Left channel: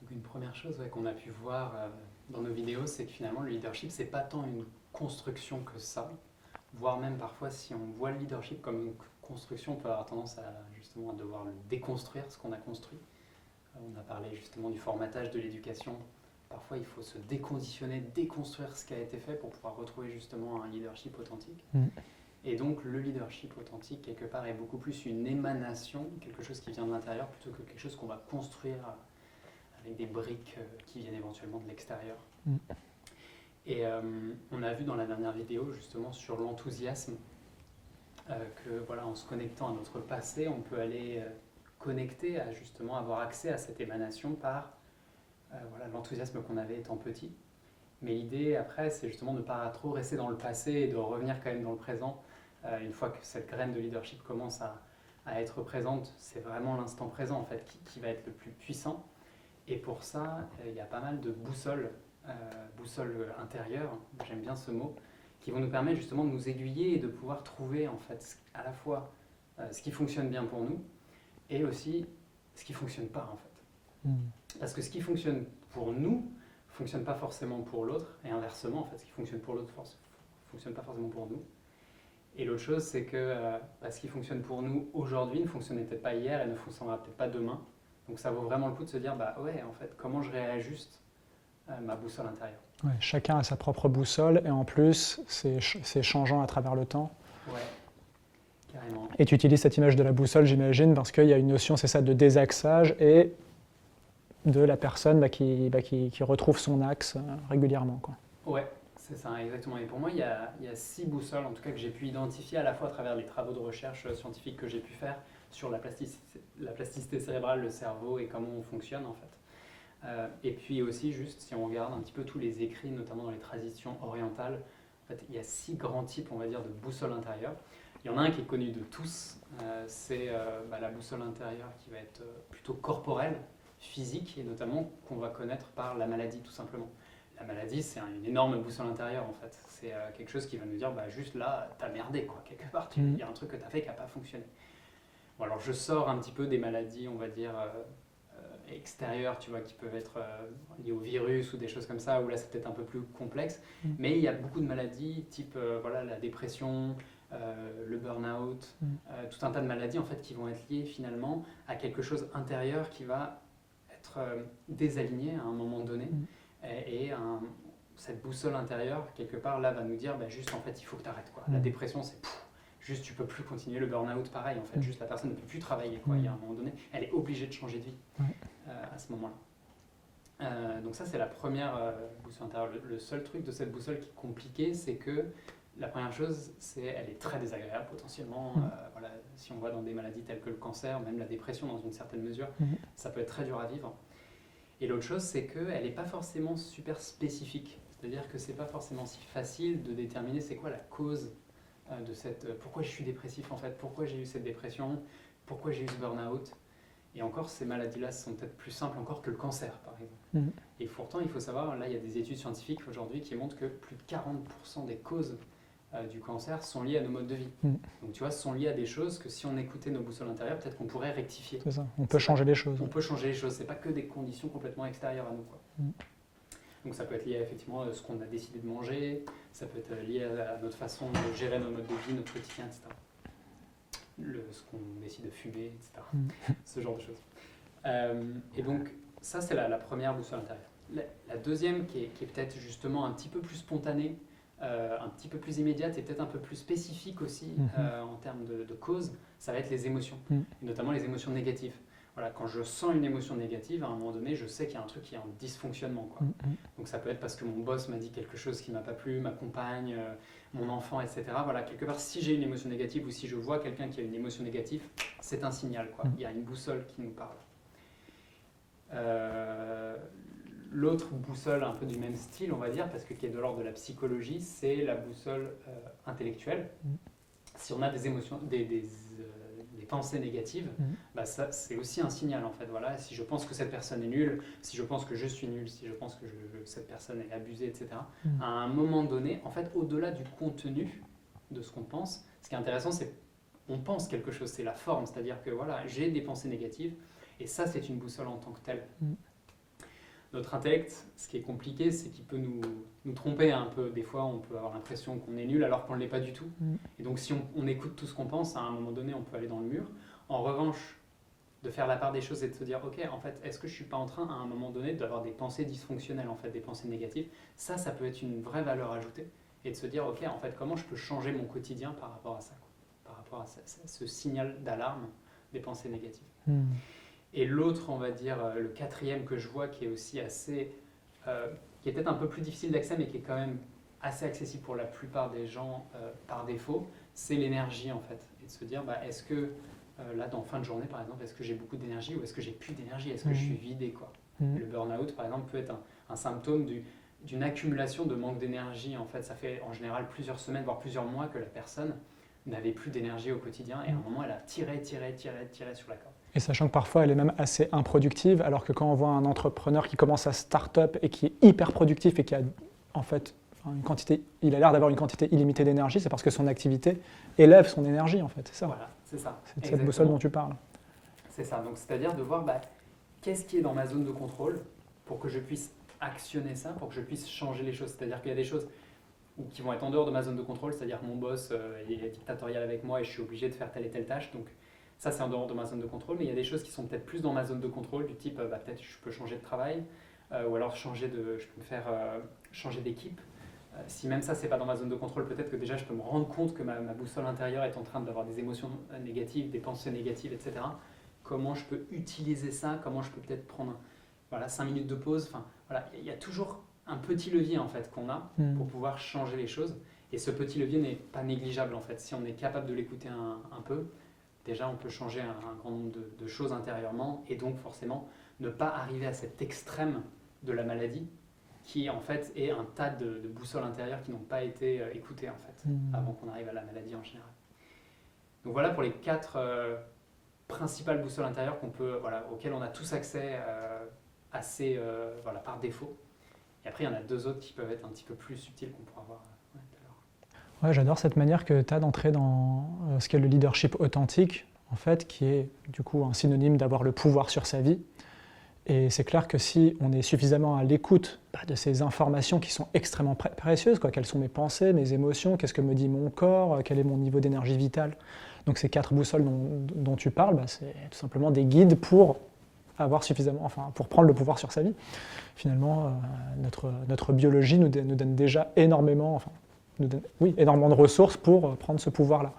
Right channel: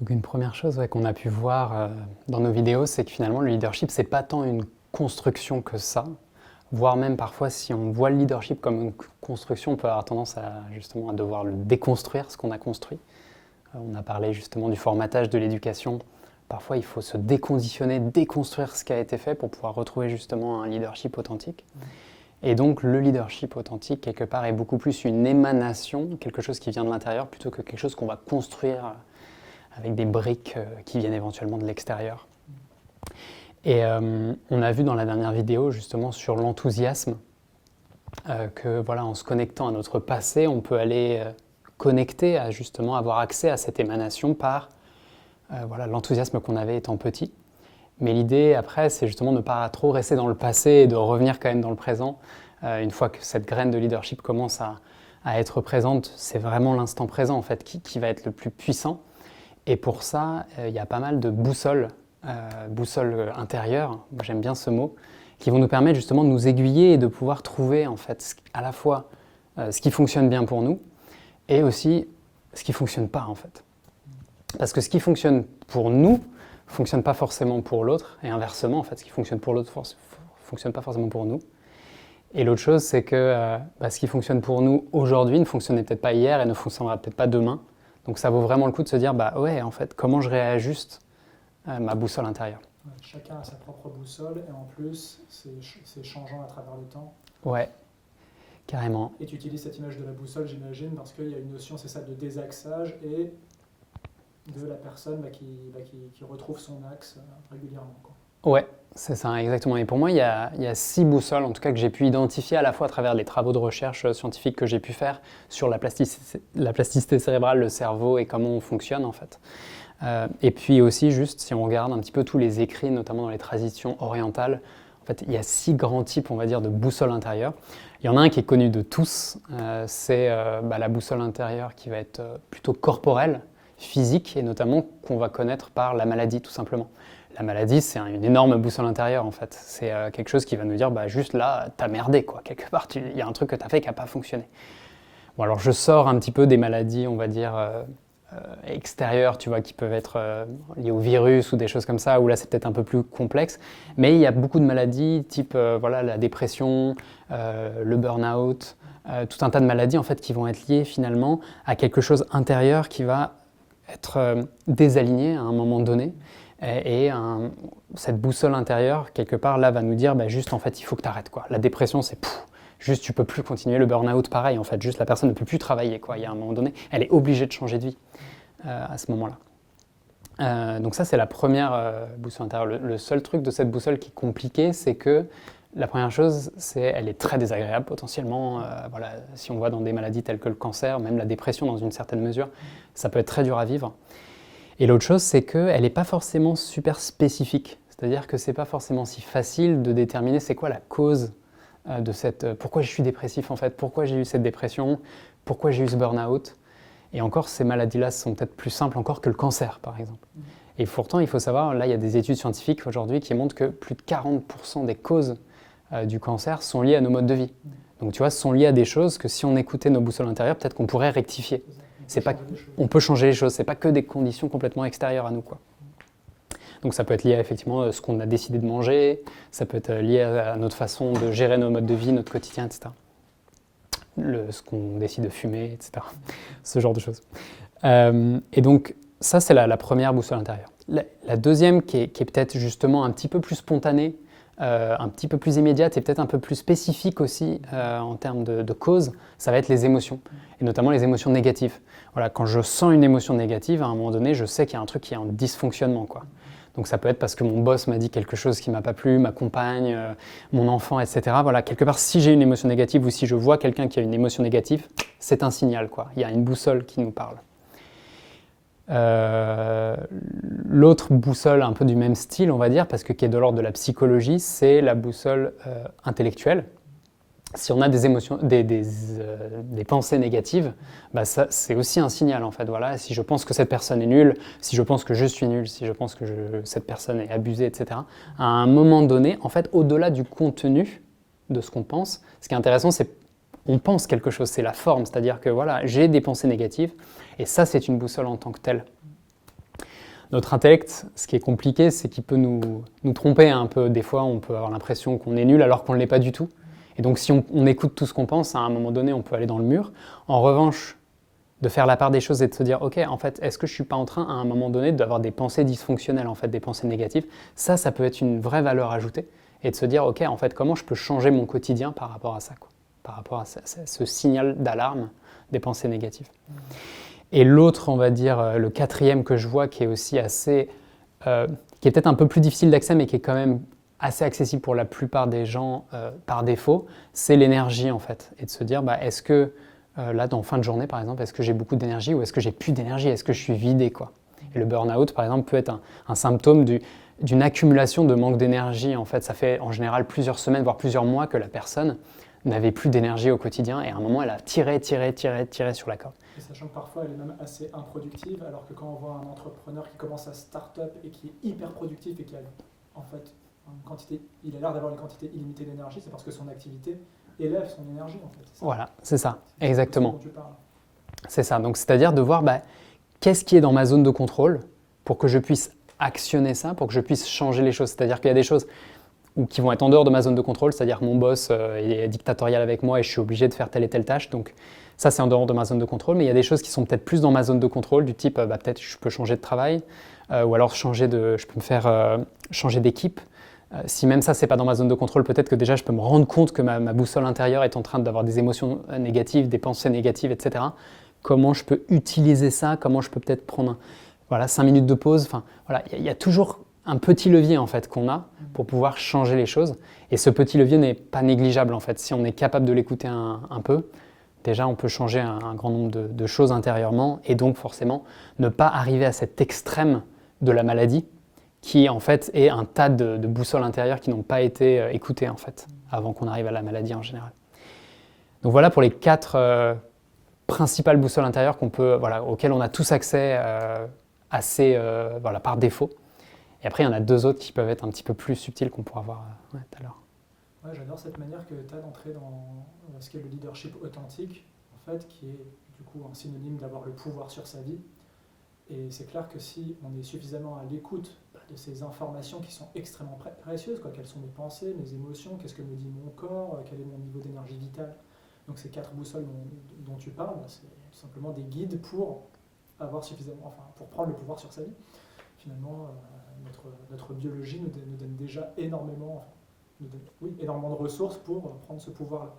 Donc une première chose qu'on a pu voir dans nos vidéos, c'est que finalement le leadership, c'est pas tant une construction que ça, voire même parfois si on voit le leadership comme une construction, on peut avoir tendance justement à devoir le déconstruire, ce qu'on a construit. On a parlé justement du formatage de l'éducation. Parfois il faut se déconditionner, déconstruire ce qui a été fait pour pouvoir retrouver justement un leadership authentique. Et donc le leadership authentique, quelque part, est beaucoup plus une émanation, quelque chose qui vient de l'intérieur, plutôt que quelque chose qu'on va construire avec des briques qui viennent éventuellement de l'extérieur. Et on a vu dans la dernière vidéo justement sur l'enthousiasme que voilà, en se connectant à notre passé, on peut aller connecter à justement avoir accès à cette émanation par voilà, l'enthousiasme qu'on avait étant petit. Mais l'idée après, c'est justement de ne pas trop rester dans le passé et de revenir quand même dans le présent. Une fois que cette graine de leadership commence à être présente, c'est vraiment l'instant présent en fait qui va être le plus puissant. Et pour ça, il y a pas mal de boussoles intérieures, j'aime bien ce mot, qui vont nous permettre justement de nous aiguiller et de pouvoir trouver en fait à la fois ce qui fonctionne bien pour nous et aussi ce qui ne fonctionne pas en fait. Parce que ce qui fonctionne pour nous ne fonctionne pas forcément pour l'autre, et inversement, en fait, ce qui fonctionne pour l'autre ne fonctionne pas forcément pour nous. Et l'autre chose, c'est que ce qui fonctionne pour nous aujourd'hui ne fonctionnait peut-être pas hier et ne fonctionnera peut-être pas demain. Donc ça vaut vraiment le coup de se dire, ouais, en fait, comment je réajuste ma boussole intérieure. Ouais, chacun a sa propre boussole, et en plus, c'est changeant à travers le temps. Ouais, carrément. Et tu utilises cette image de la boussole, j'imagine, parce qu'il y a une notion, c'est ça, de désaxage et de la personne qui retrouve son axe régulièrement, quoi. Ouais, c'est ça, exactement. Et pour moi, il y a 6 boussoles, en tout cas, que j'ai pu identifier à la fois à travers les travaux de recherche scientifiques que j'ai pu faire sur la plasticité cérébrale, le cerveau et comment on fonctionne, en fait. Et puis aussi, juste, si on regarde un petit peu tous les écrits, notamment dans les traditions orientales, en fait, il y a 6 grands types, on va dire, de boussoles intérieures. Il y en a un qui est connu de tous, c'est la boussole intérieure qui va être plutôt corporelle, physique, et notamment qu'on va connaître par la maladie, tout simplement. La maladie, c'est une énorme boussole intérieure, en fait. C'est quelque chose qui va nous dire, juste là, t'as merdé, quoi. Quelque part, il y a un truc que t'as fait qui n'a pas fonctionné. Bon, alors je sors un petit peu des maladies, on va dire, extérieures, tu vois, qui peuvent être liées au virus ou des choses comme ça, où là, c'est peut-être un peu plus complexe. Mais il y a beaucoup de maladies, type la dépression, le burn-out, tout un tas de maladies, en fait, qui vont être liées, finalement, à quelque chose intérieur qui va être désaligné à un moment donné. Et cette boussole intérieure, quelque part, là, va nous dire, juste, en fait, il faut que tu arrêtes, quoi. La dépression, c'est juste, tu peux plus continuer. Le burn-out, pareil, en fait, juste, la personne ne peut plus travailler, quoi. Il y a un moment donné, elle est obligée de changer de vie à ce moment-là. Donc ça, c'est la première boussole intérieure. Le seul truc de cette boussole qui est compliqué, c'est que la première chose, elle est très désagréable potentiellement. Si on voit dans des maladies telles que le cancer, même la dépression dans une certaine mesure, ça peut être très dur à vivre. Et l'autre chose, c'est qu'elle n'est pas forcément super spécifique. C'est-à-dire que ce n'est pas forcément si facile de déterminer c'est quoi la cause de cette... pourquoi je suis dépressif en fait, pourquoi j'ai eu cette dépression, pourquoi j'ai eu ce burn-out. Et encore, ces maladies-là sont peut-être plus simples encore que le cancer, par exemple. Et pourtant, il faut savoir, là, il y a des études scientifiques aujourd'hui qui montrent que plus de 40% des causes du cancer sont liées à nos modes de vie. Donc tu vois, sont liées à des choses que si on écoutait nos boussoles intérieures, peut-être qu'on pourrait rectifier. C'est ça. On peut changer les choses. On peut changer les choses, c'est pas que des conditions complètement extérieures à nous, quoi. Donc ça peut être lié à effectivement ce qu'on a décidé de manger, ça peut être lié à notre façon de gérer nos modes de vie, notre quotidien, etc. Ce qu'on décide de fumer, etc. Ce genre de choses. Et donc ça, c'est la première boussole intérieure. La deuxième, qui est peut-être justement un petit peu plus spontanée, un petit peu plus immédiate et peut-être un peu plus spécifique aussi en termes de cause, ça va être les émotions, et notamment les émotions négatives. Voilà, quand je sens une émotion négative, à un moment donné, je sais qu'il y a un truc qui est en dysfonctionnement, quoi. Donc ça peut être parce que mon boss m'a dit quelque chose qui ne m'a pas plu, ma compagne, mon enfant, etc. Voilà, quelque part, si j'ai une émotion négative ou si je vois quelqu'un qui a une émotion négative, c'est un signal, quoi. Il y a une boussole qui nous parle. L'autre boussole un peu du même style, on va dire, parce que qui est de l'ordre de la psychologie, c'est la boussole intellectuelle. Si on a des émotions, des pensées négatives, ça, c'est aussi un signal en fait. Voilà, si je pense que cette personne est nulle, si je pense que je suis nul, si je pense que cette personne est abusée, etc. À un moment donné, en fait, au-delà du contenu de ce qu'on pense, ce qui est intéressant, c'est on pense quelque chose, c'est la forme, c'est-à-dire que voilà, j'ai des pensées négatives. Et ça, c'est une boussole en tant que telle. Notre intellect, ce qui est compliqué, c'est qu'il peut nous tromper un peu. Des fois, on peut avoir l'impression qu'on est nul alors qu'on ne l'est pas du tout. Et donc, si on écoute tout ce qu'on pense, à un moment donné, on peut aller dans le mur. En revanche, de faire la part des choses et de se dire, ok, en fait, est-ce que je ne suis pas en train, à un moment donné, d'avoir des pensées dysfonctionnelles, en fait, des pensées négatives? Ça peut être une vraie valeur ajoutée. Et de se dire, ok, en fait, comment je peux changer mon quotidien par rapport à ça, quoi, par rapport à ce signal d'alarme des pensées négatives. Et l'autre, on va dire, le quatrième que je vois, qui est aussi assez, qui est peut-être un peu plus difficile d'accès, mais qui est quand même assez accessible pour la plupart des gens par défaut, c'est l'énergie, en fait. Et de se dire, est-ce que, là, dans fin de journée, par exemple, est-ce que j'ai beaucoup d'énergie ou est-ce que j'ai plus d'énergie? Est-ce que je suis vidé, quoi? Et le burn-out, par exemple, peut être un symptôme d'une accumulation de manque d'énergie. En fait, ça fait en général plusieurs semaines, voire plusieurs mois que la personne n'avait plus d'énergie au quotidien et à un moment, elle a tiré sur la corde. Et sachant que parfois, elle est même assez improductive, alors que quand on voit un entrepreneur qui commence à start-up et qui est hyper productif et qui a en fait il a l'air d'avoir une quantité illimitée d'énergie, c'est parce que son activité élève son énergie, en fait. C'est ça. Voilà, c'est ça, c'est exactement. C'est dont tu parles. C'est ça, donc c'est-à-dire de voir qu'est-ce qui est dans ma zone de contrôle pour que je puisse actionner ça, pour que je puisse changer les choses. C'est-à-dire qu'il y a des choses qui vont être en dehors de ma zone de contrôle, c'est-à-dire que mon boss est dictatorial avec moi et je suis obligé de faire telle et telle tâche. Donc ça, c'est en dehors de ma zone de contrôle. Mais il y a des choses qui sont peut-être plus dans ma zone de contrôle, du type peut-être je peux changer de travail ou alors je peux me faire changer d'équipe. Si même ça, c'est pas dans ma zone de contrôle, peut-être que déjà je peux me rendre compte que ma boussole intérieure est en train d'avoir des émotions négatives, des pensées négatives, etc. Comment je peux utiliser ça? Comment je peux peut-être prendre 5 minutes de pause? Enfin, voilà, il y a toujours un petit levier en fait qu'on a pour pouvoir changer les choses. Et ce petit levier n'est pas négligeable en fait. Si on est capable de l'écouter un peu, déjà on peut changer un grand nombre de choses intérieurement et donc forcément ne pas arriver à cet extrême de la maladie qui en fait est un tas de boussoles intérieures qui n'ont pas été écoutées en fait avant qu'on arrive à la maladie en général. Donc voilà pour les 4 principales boussoles intérieures auxquelles on a tous accès par défaut. Et après, il y en a 2 autres qui peuvent être un petit peu plus subtiles qu'on pourra voir tout à l'heure. Ouais, j'adore cette manière que tu as d'entrer dans ce qu'est le leadership authentique, en fait, qui est du coup un synonyme d'avoir le pouvoir sur sa vie. Et c'est clair que si on est suffisamment à l'écoute de ces informations qui sont extrêmement précieuses, quelles sont mes pensées, mes émotions, qu'est-ce que me dit mon corps, quel est mon niveau d'énergie vitale. Donc ces 4 boussoles dont tu parles, c'est tout simplement des guides pour avoir suffisamment, pour prendre le pouvoir sur sa vie. Finalement, notre biologie nous donne déjà énormément de ressources pour prendre ce pouvoir-là.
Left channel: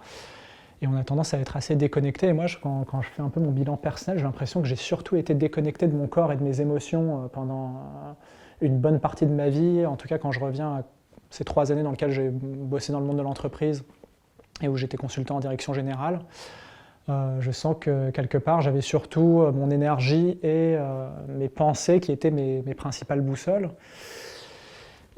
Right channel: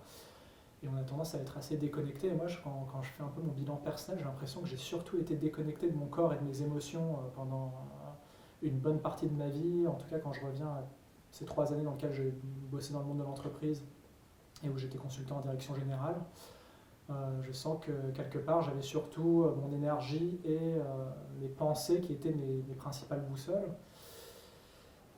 Et on a tendance à être assez déconnecté. Et moi, quand je fais un peu mon bilan personnel, j'ai l'impression que j'ai surtout été déconnecté de mon corps et de mes émotions pendant une bonne partie de ma vie. En tout cas, quand je reviens à ces 3 années dans lesquelles j'ai bossé dans le monde de l'entreprise et où j'étais consultant en direction générale, je sens que quelque part, j'avais surtout mon énergie et mes pensées qui étaient mes principales boussoles.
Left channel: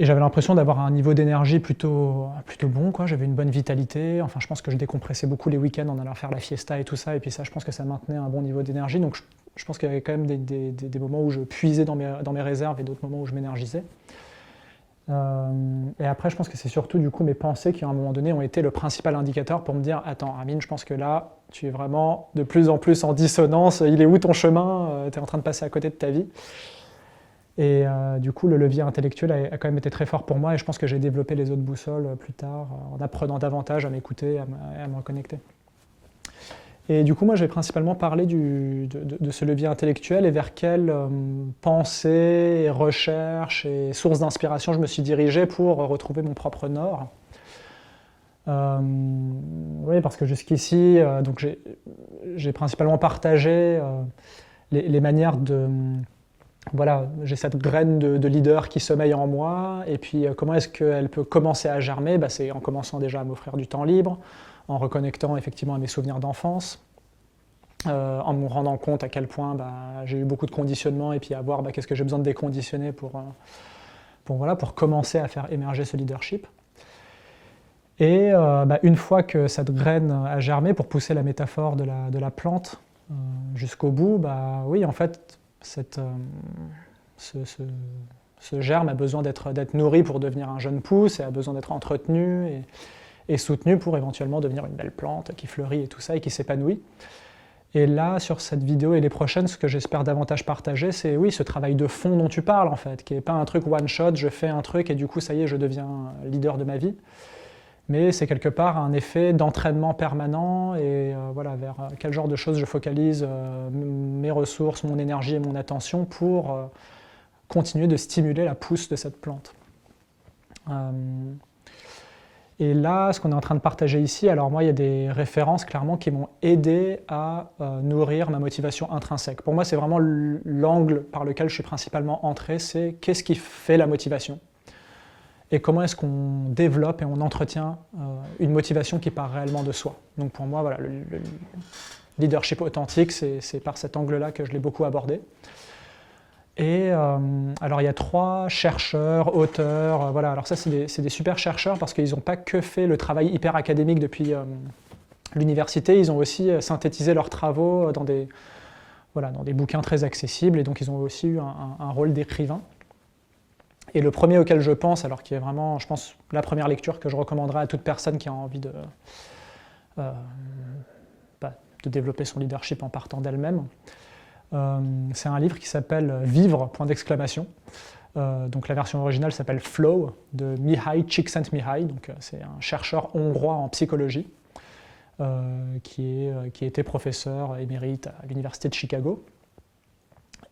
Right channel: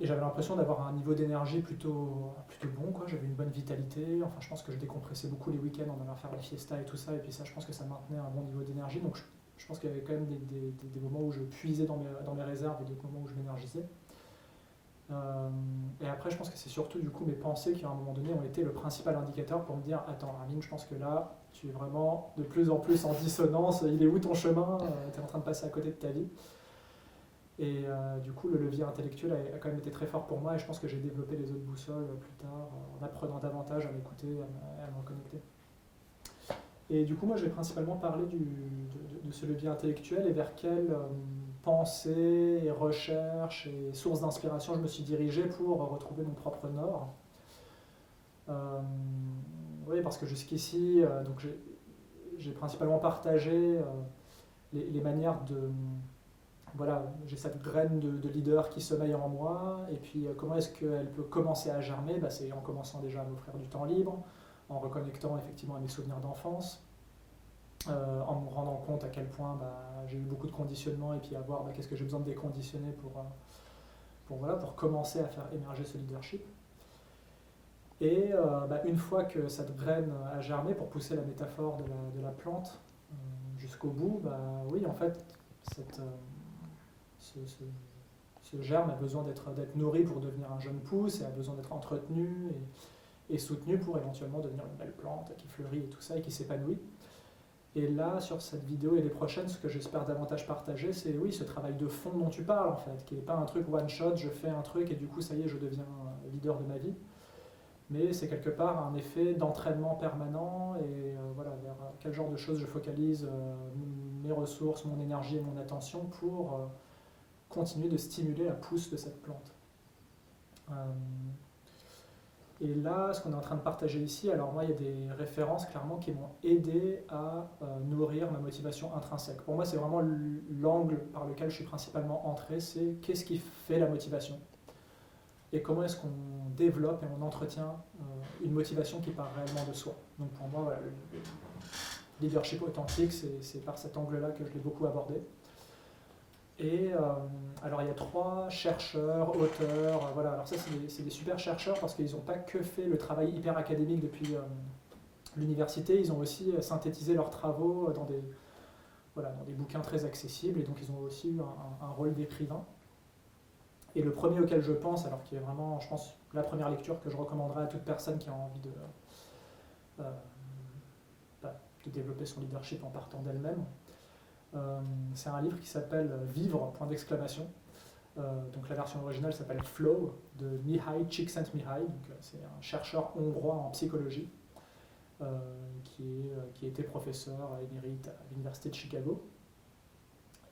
Et j'avais l'impression d'avoir un niveau d'énergie plutôt bon, quoi. J'avais une bonne vitalité. Enfin, je pense que je décompressais beaucoup les week-ends en allant faire la fiesta et tout ça. Et puis ça, je pense que ça maintenait un bon niveau d'énergie. Donc je pense qu'il y avait quand même des moments où je puisais dans mes réserves et d'autres moments où je m'énergisais. Et après, je pense que c'est surtout du coup mes pensées qui, à un moment donné, ont été le principal indicateur pour me dire « Attends, Amine, je pense que là, tu es vraiment de plus en plus en dissonance. Il est où ton chemin? Tu es en train de passer à côté de ta vie. » Et du coup, le levier intellectuel a quand même été très fort pour moi et je pense que j'ai développé les autres boussoles plus tard en apprenant davantage à m'écouter et à me reconnecter. Et du coup, moi, j'ai principalement parlé de ce levier intellectuel et vers quelles pensées, recherches et sources d'inspiration je me suis dirigé pour retrouver mon propre nord. Oui, parce que jusqu'ici, j'ai principalement partagé les manières de... Voilà, j'ai cette graine de leader qui sommeille en moi, et puis comment est-ce qu'elle peut commencer à germer? C'est en commençant déjà à m'offrir du temps libre, en reconnectant effectivement à mes souvenirs d'enfance, en me rendant compte à quel point j'ai eu beaucoup de conditionnement, et puis à voir qu'est-ce que j'ai besoin de déconditionner pour commencer à faire émerger ce leadership. Et une fois que cette graine a germé, pour pousser la métaphore de la plante jusqu'au bout, oui, en fait, ce germe a besoin d'être nourri pour devenir un jeune pouce et a besoin d'être entretenu et soutenu pour éventuellement devenir une belle plante qui fleurit et tout ça et qui s'épanouit. Et là, sur cette vidéo et les prochaines, ce que j'espère davantage partager, c'est oui, ce travail de fond dont tu parles, en fait, qui n'est pas un truc one-shot, je fais un truc et du coup, ça y est, je deviens leader de ma vie. Mais c'est quelque part un effet d'entraînement permanent et voilà, vers quel genre de choses je focalise mes ressources, mon énergie et mon attention pour continuer de stimuler la pousse de cette plante. Et là, ce qu'on est en train de partager ici, alors moi, il y a des références clairement qui m'ont aidé à nourrir ma motivation intrinsèque. Pour moi, c'est vraiment l'angle par lequel je suis principalement entré, c'est qu'est-ce qui fait la motivation et comment est-ce qu'on développe et on entretient une motivation qui part réellement de soi. Donc pour moi, voilà, le leadership authentique, c'est par cet angle-là que je l'ai beaucoup abordé. Et alors il y a 3 chercheurs, auteurs, voilà. Alors ça c'est des super chercheurs parce qu'ils n'ont pas que fait le travail hyper académique depuis l'université, ils ont aussi synthétisé leurs travaux dans des bouquins très accessibles et donc ils ont aussi eu un rôle d'écrivain. Et le premier auquel je pense, alors qui est vraiment, je pense, la première lecture que je recommanderais à toute personne qui a envie de développer son leadership en partant d'elle-même, c'est un livre qui s'appelle « Vivre », point d'exclamation. Donc la version originale s'appelle « Flow » de Mihaly Csikszentmihalyi. Donc c'est un chercheur hongrois en psychologie qui était professeur émérite à l'université de Chicago.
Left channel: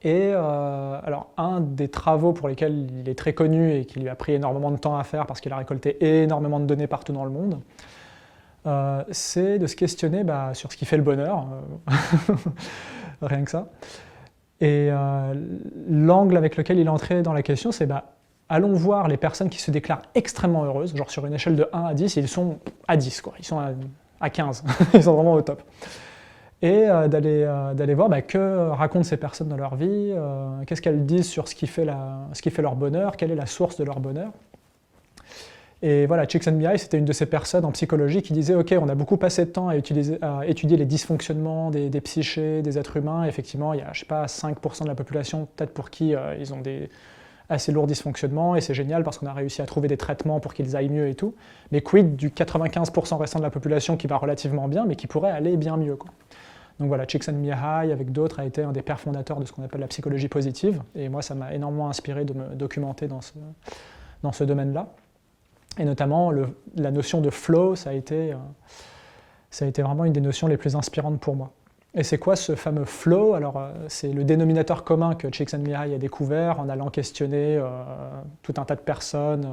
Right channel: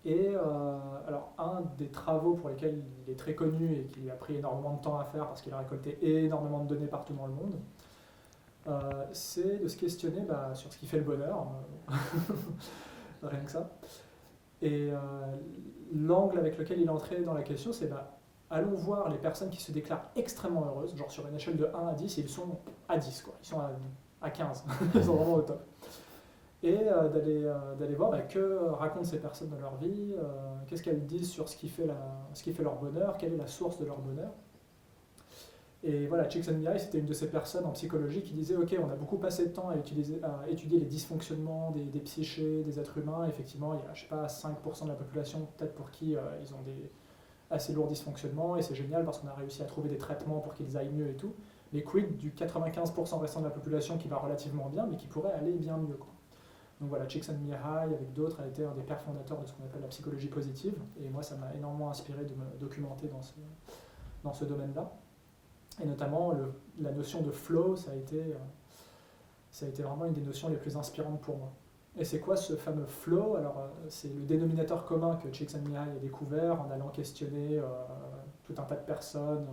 Et alors un des travaux pour lesquels il est très connu et qui lui a pris énormément de temps à faire parce qu'il a récolté énormément de données partout dans le monde, c'est de se questionner sur ce qui fait le bonheur. Rien que ça. Et l'angle avec lequel il est entré dans la question, c'est allons voir les personnes qui se déclarent extrêmement heureuses, genre sur une échelle de 1 à 10, ils sont à 10, quoi. Ils sont à 15, ils sont vraiment au top. Et d'aller voir que racontent ces personnes dans leur vie, qu'est-ce qu'elles disent sur ce qui fait leur bonheur, quelle est la source de leur bonheur. Et voilà, Csikszentmihalyi, c'était une de ces personnes en psychologie qui disait « Ok, on a beaucoup passé de temps à étudier les dysfonctionnements des psychés, des êtres humains. Effectivement, il y a, je sais pas, 5% de la population peut-être pour qui ils ont des assez lourds dysfonctionnements, et c'est génial parce qu'on a réussi à trouver des traitements pour qu'ils aillent mieux et tout. Mais quid du 95% restant de la population qui va relativement bien, mais qui pourrait aller bien mieux, quoi. » Donc voilà, Csikszentmihalyi, avec d'autres, a été un des pères fondateurs de ce qu'on appelle la psychologie positive. Et moi, ça m'a énormément inspiré de me documenter dans ce domaine-là. Et notamment, la notion de flow, ça a été vraiment une des notions les plus inspirantes pour moi. Et c'est quoi ce fameux flow? Alors, c'est le dénominateur commun que Csikszentmihalyi a découvert en allant questionner tout un tas de personnes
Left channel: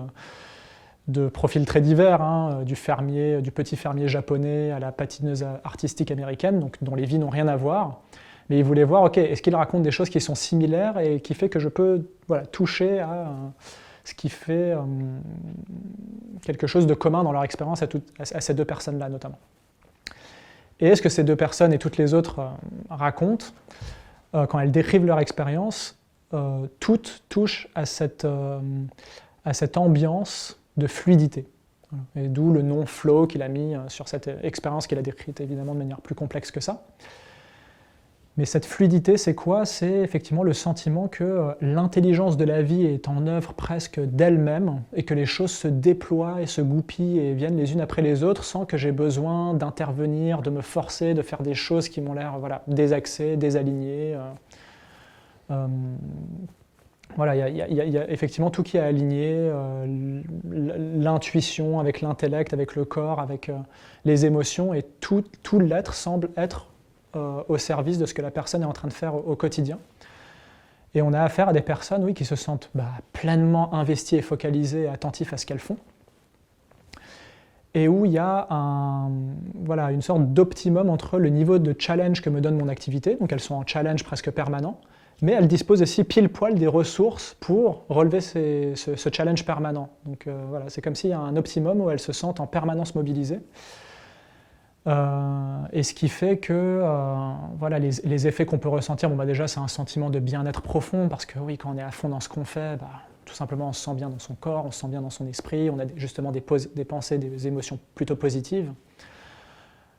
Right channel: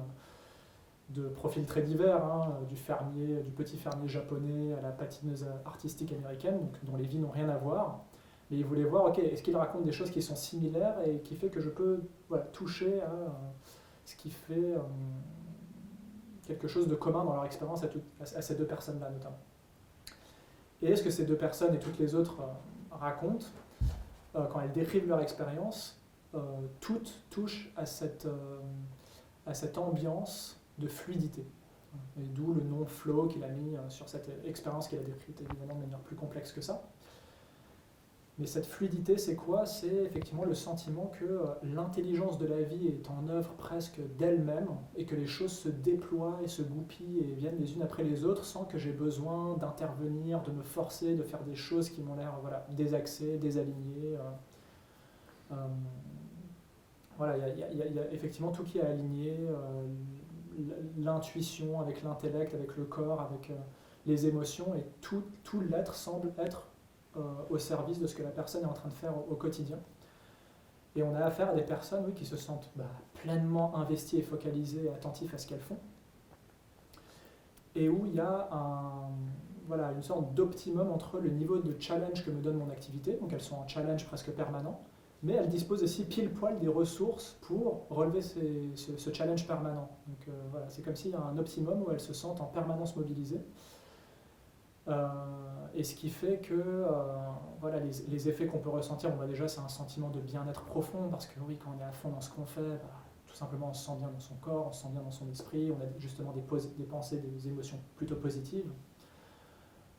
de profils très divers, du petit fermier japonais à la patineuse artistique américaine, donc, dont les vies n'ont rien à voir. Mais il voulait voir, ok, est-ce qu'il raconte des choses qui sont similaires et qui fait que je peux toucher à ce qui fait quelque chose de commun dans leur expérience à ces 2 personnes-là notamment. Et est-ce que ces 2 personnes et toutes les autres racontent, quand elles décrivent leur expérience, toutes touchent à cette ambiance de fluidité. Et d'où le nom flow qu'il a mis sur cette expérience qu'il a décrite évidemment de manière plus complexe que ça. Mais cette fluidité, c'est quoi? C'est effectivement le sentiment que l'intelligence de la vie est en œuvre presque d'elle-même et que les choses se déploient et se goupillent et viennent les unes après les autres sans que j'ai besoin d'intervenir, de me forcer, de faire des choses qui m'ont l'air désaxées, désalignées. Voilà, il y a effectivement tout qui est aligné, l'intuition avec l'intellect, avec le corps, avec les émotions, et tout l'être semble être au service de ce que la personne est en train de faire au quotidien. Et on a affaire à des personnes, oui, qui se sentent pleinement investies et focalisées et attentives à ce qu'elles font. Et où il y a une sorte d'optimum entre le niveau de challenge que me donne mon activité, donc elles sont en challenge presque permanent, mais elles disposent aussi pile poil des ressources pour relever ce challenge permanent. Donc voilà, c'est comme s'il y a un optimum où elles se sentent en permanence mobilisées. Et ce qui fait que les effets qu'on peut ressentir, déjà c'est un sentiment de bien-être profond, parce que oui, quand on est à fond dans ce qu'on fait, tout simplement on se sent bien dans son corps, on se sent bien dans son esprit, on a justement des pensées, des émotions plutôt positives.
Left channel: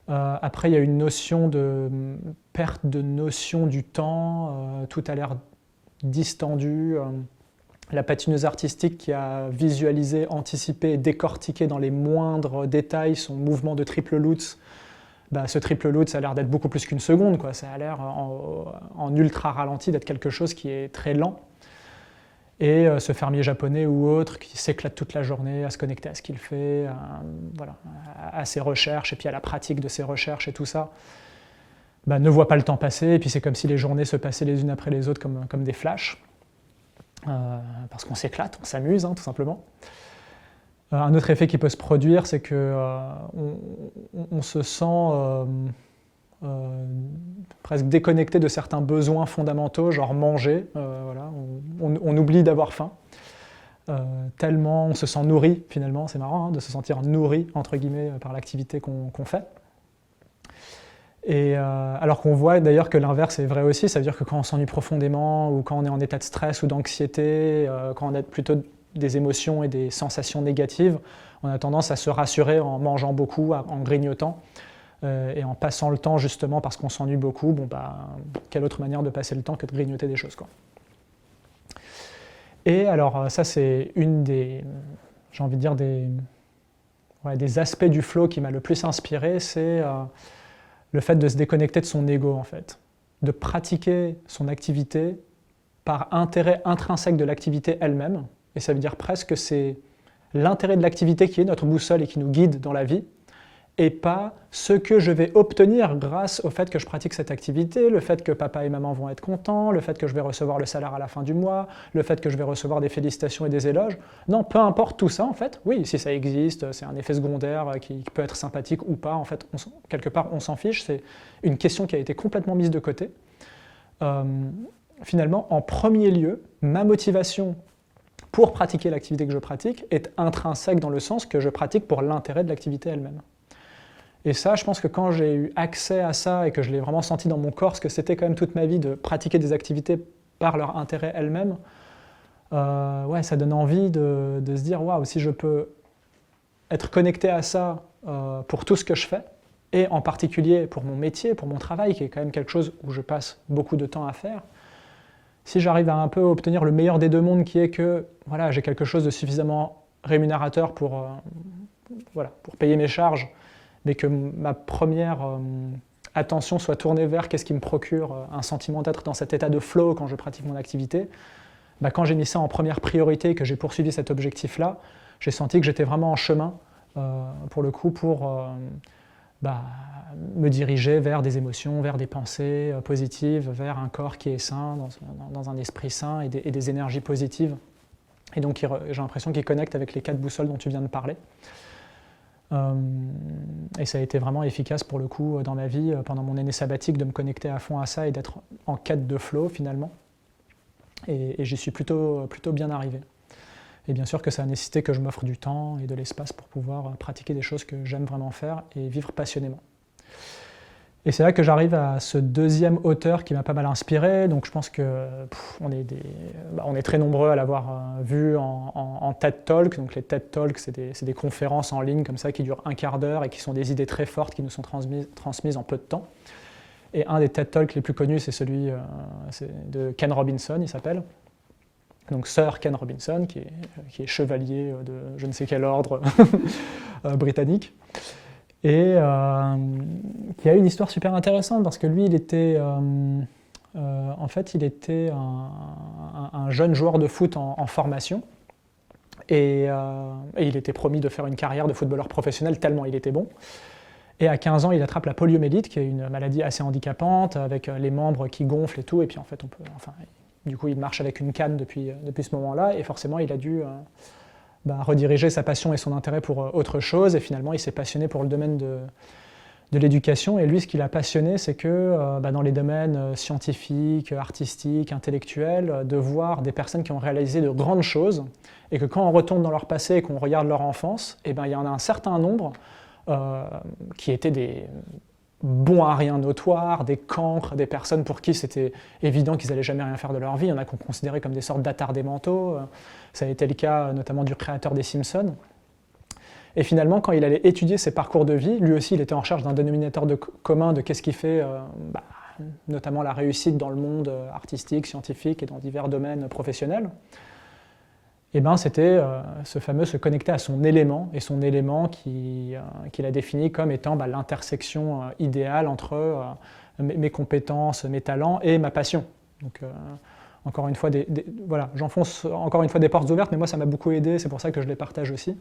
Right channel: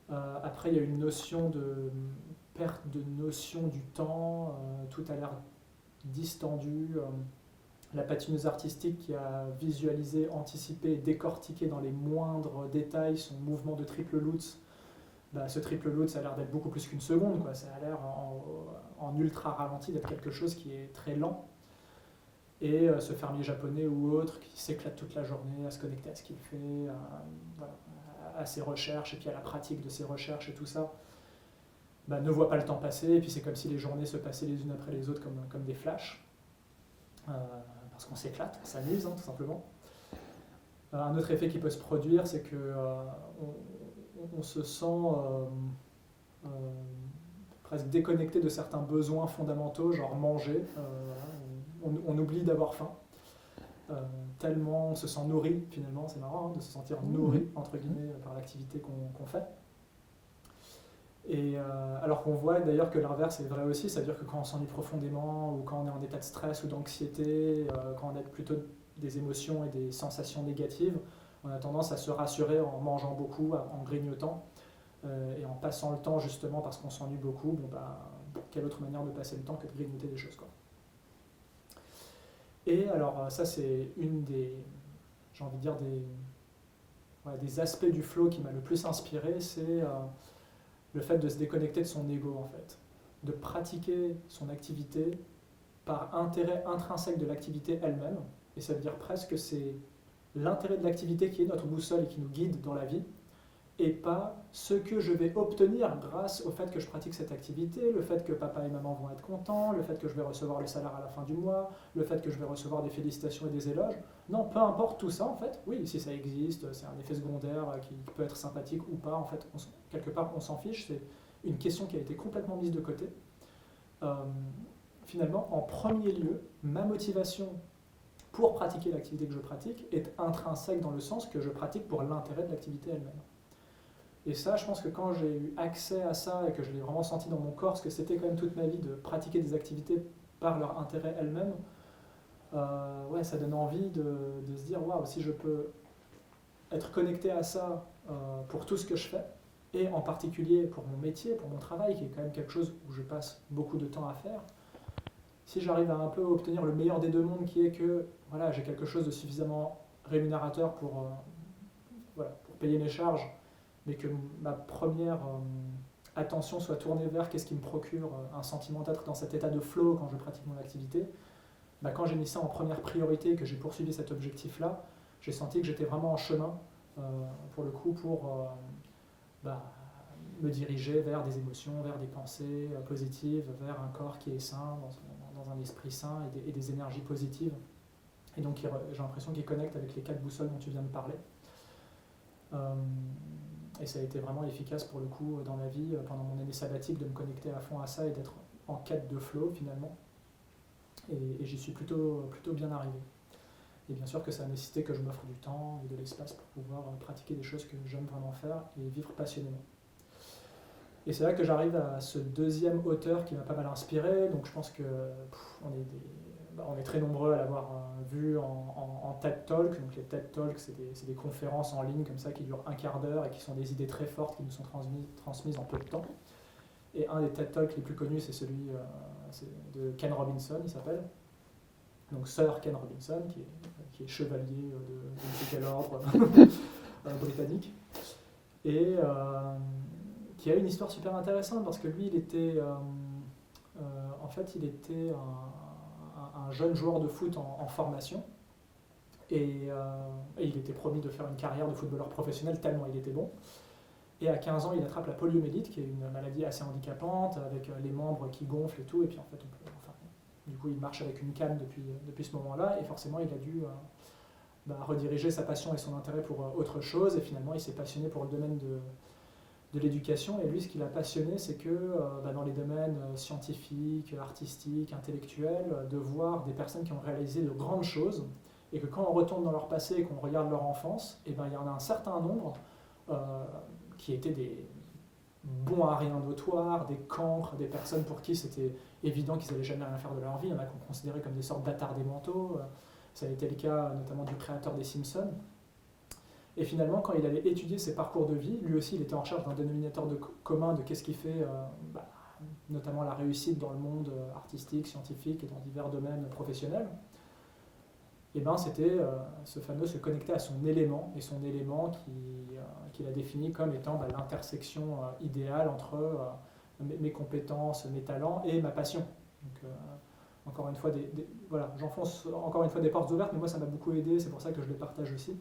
Après, il y a une notion de perte de notion du temps, tout a l'air distendu. La patineuse artistique qui a visualisé, anticipé et décortiqué dans les moindres détails son mouvement de triple lutz ce triple loot, ça a l'air d'être beaucoup plus qu'une seconde, quoi. Ça a l'air en ultra ralenti d'être quelque chose qui est très lent. Et ce fermier japonais ou autre qui s'éclate toute la journée à se connecter à ce qu'il fait, à ses recherches et puis à la pratique de ses recherches et tout ça, ne voit pas le temps passer. Et puis c'est comme si les journées se passaient les unes après les autres comme des flashs. Parce qu'on s'éclate, on s'amuse, tout simplement. Un autre effet qui peut se produire, c'est qu'on se sent presque déconnecté de certains besoins fondamentaux, genre manger. On oublie d'avoir faim. Tellement on se sent nourri, finalement, c'est marrant de se sentir nourri, entre guillemets, par l'activité qu'on fait. Et alors qu'on voit d'ailleurs que l'inverse est vrai aussi, ça veut dire que quand on s'ennuie profondément, ou quand on est en état de stress ou d'anxiété, quand on a plutôt des émotions et des sensations négatives, on a tendance à se rassurer en mangeant beaucoup, en grignotant, et en passant le temps justement parce qu'on s'ennuie beaucoup. Quelle autre manière de passer le temps que de grignoter des choses, quoi. Et alors ça c'est une des, j'ai envie de dire des aspects du flow qui m'a le plus inspiré, c'est le fait de se déconnecter de son ego, en fait, de pratiquer son activité par intérêt intrinsèque de l'activité elle-même. Et ça veut dire presque que c'est l'intérêt de l'activité qui est notre boussole et qui nous guide dans la vie, et pas ce que je vais obtenir grâce au fait que je pratique cette activité, le fait que papa et maman vont être contents, le fait que je vais recevoir le salaire à la fin du mois, le fait que je vais recevoir des félicitations et des éloges. Non, peu importe tout ça, en fait. Oui, si ça existe, c'est un effet secondaire qui peut être sympathique ou pas. En fait, quelque part, on s'en fiche. C'est une question qui a été complètement mise de côté. Finalement, en premier lieu, ma motivation pour pratiquer l'activité que je pratique est intrinsèque dans le sens que je pratique pour l'intérêt de l'activité elle-même. Et ça, je pense que quand j'ai eu accès à ça et que je l'ai vraiment senti dans mon corps, ce que c'était quand même toute ma vie de pratiquer des activités par leur intérêt elles-mêmes, ça donne envie de se dire, waouh, si je peux être connecté à ça pour tout ce que je fais, et en particulier pour mon métier, pour mon travail, qui est quand même quelque chose où je passe beaucoup de temps à faire, si j'arrive à un peu obtenir le meilleur des deux mondes, qui est que j'ai quelque chose de suffisamment rémunérateur pour payer mes charges, mais que ma première attention soit tournée vers qu'est-ce qui me procure un sentiment d'être dans cet état de flow quand je pratique mon activité, quand j'ai mis ça en première priorité et que j'ai poursuivi cet objectif-là, j'ai senti que j'étais vraiment en chemin, pour le coup, pour me diriger vers des émotions, vers des pensées positives, vers un corps qui est sain, dans un esprit sain et des énergies positives. Et donc j'ai l'impression qu'il connecte avec les 4 boussoles dont tu viens de parler. Et ça a été vraiment efficace pour le coup dans ma vie pendant mon année sabbatique de me connecter à fond à ça et d'être en quête de flow finalement. Et j'y suis plutôt bien arrivé. Et bien sûr que ça a nécessité que je m'offre du temps et de l'espace pour pouvoir pratiquer des choses que j'aime vraiment faire et vivre passionnément. Et c'est là que j'arrive à ce deuxième auteur qui m'a pas mal inspiré. Donc je pense que on est très nombreux à l'avoir vu en TED Talk. Donc les TED Talks, c'est des conférences en ligne comme ça qui durent un quart d'heure et qui sont des idées très fortes qui nous sont transmises en peu de temps. Et un des TED Talks les plus connus, c'est celui de Ken Robinson, il s'appelle. Donc Sir Ken Robinson, qui est chevalier de je ne sais quel ordre britannique. Et qui a une histoire super intéressante parce que lui, il était un jeune joueur de foot en formation et il était promis de faire une carrière de footballeur professionnel tellement il était bon. Et à 15 ans, il attrape la poliomyélite, qui est une maladie assez handicapante avec les membres qui gonflent et tout. Et puis en fait, du coup, il marche avec une canne depuis ce moment-là et forcément, il a dû rediriger sa passion et son intérêt pour autre chose, et finalement il s'est passionné pour le domaine de l'éducation, et lui ce qui l'a passionné c'est que dans les domaines scientifiques, artistiques, intellectuels, de voir des personnes qui ont réalisé de grandes choses, et que quand on retourne dans leur passé et qu'on regarde leur enfance, il y en a un certain nombre qui étaient des bons à rien notoires, des cancres, des personnes pour qui c'était évident qu'ils n'allaient jamais rien faire de leur vie. Il y en a qu'on considérait comme des sortes d'attardés mentaux. Ça a été le cas notamment du créateur des Simpsons. Et finalement, quand il allait étudier ses parcours de vie, lui aussi il était en recherche d'un dénominateur commun de qu'est-ce qui fait notamment la réussite dans le monde artistique, scientifique et dans divers domaines professionnels. Et ben c'était ce fameux se connecter à son élément, et son élément qu'il a défini comme étant l'intersection idéale entre mes compétences, mes talents et ma passion. Donc encore une fois, voilà, j'enfonce encore une fois des portes ouvertes, mais moi ça m'a beaucoup aidé, c'est pour ça que je les partage aussi,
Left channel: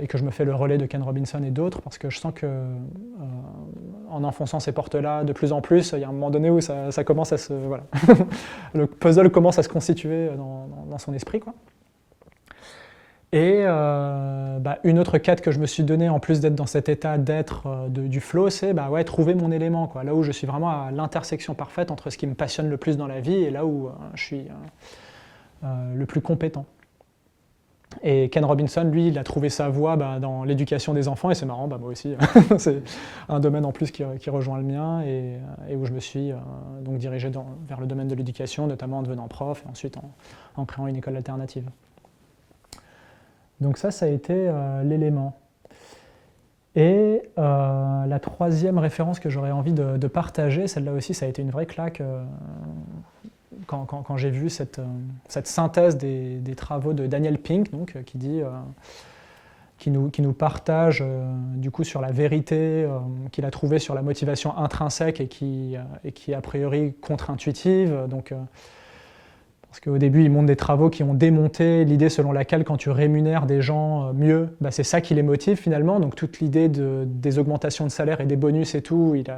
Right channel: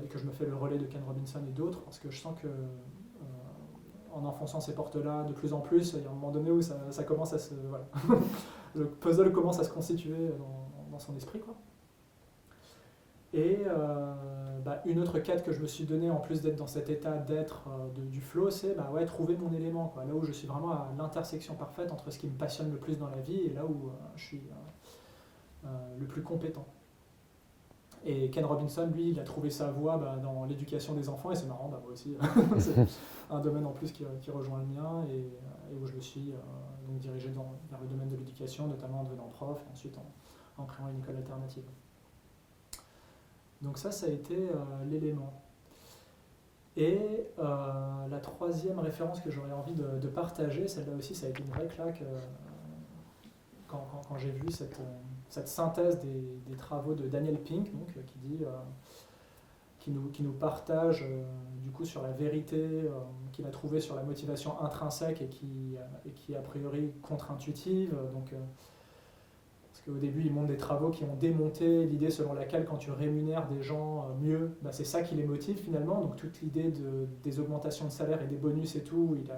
et que je me fais le relais de Ken Robinson et d'autres, parce que je sens que en enfonçant ces portes-là de plus en plus, il y a un moment donné où ça commence à se... Voilà. Le puzzle commence à se constituer dans son esprit, quoi. Et une autre quête que je me suis donnée, en plus d'être dans cet état d'être du flow, c'est trouver mon élément, quoi. Là où je suis vraiment à l'intersection parfaite entre ce qui me passionne le plus dans la vie et là où je suis le plus compétent. Et Ken Robinson, lui, il a trouvé sa voie dans l'éducation des enfants, et c'est marrant, moi aussi, c'est un domaine en plus qui rejoint le mien, et où je me suis donc dirigé vers le domaine de l'éducation, notamment en devenant prof, et ensuite en créant une école alternative. Donc ça a été l'élément. Et la troisième référence que j'aurais envie de partager, celle-là aussi, ça a été une vraie claque quand j'ai vu cette synthèse des travaux de Daniel Pink, donc, qui nous partage du coup sur la vérité qu'il a trouvée sur la motivation intrinsèque et qui est a priori contre-intuitive. Donc, parce qu'au début, il montre des travaux qui ont démonté l'idée selon laquelle quand tu rémunères des gens mieux, c'est ça qui les motive finalement. Donc toute l'idée des augmentations de salaire et des bonus et tout, il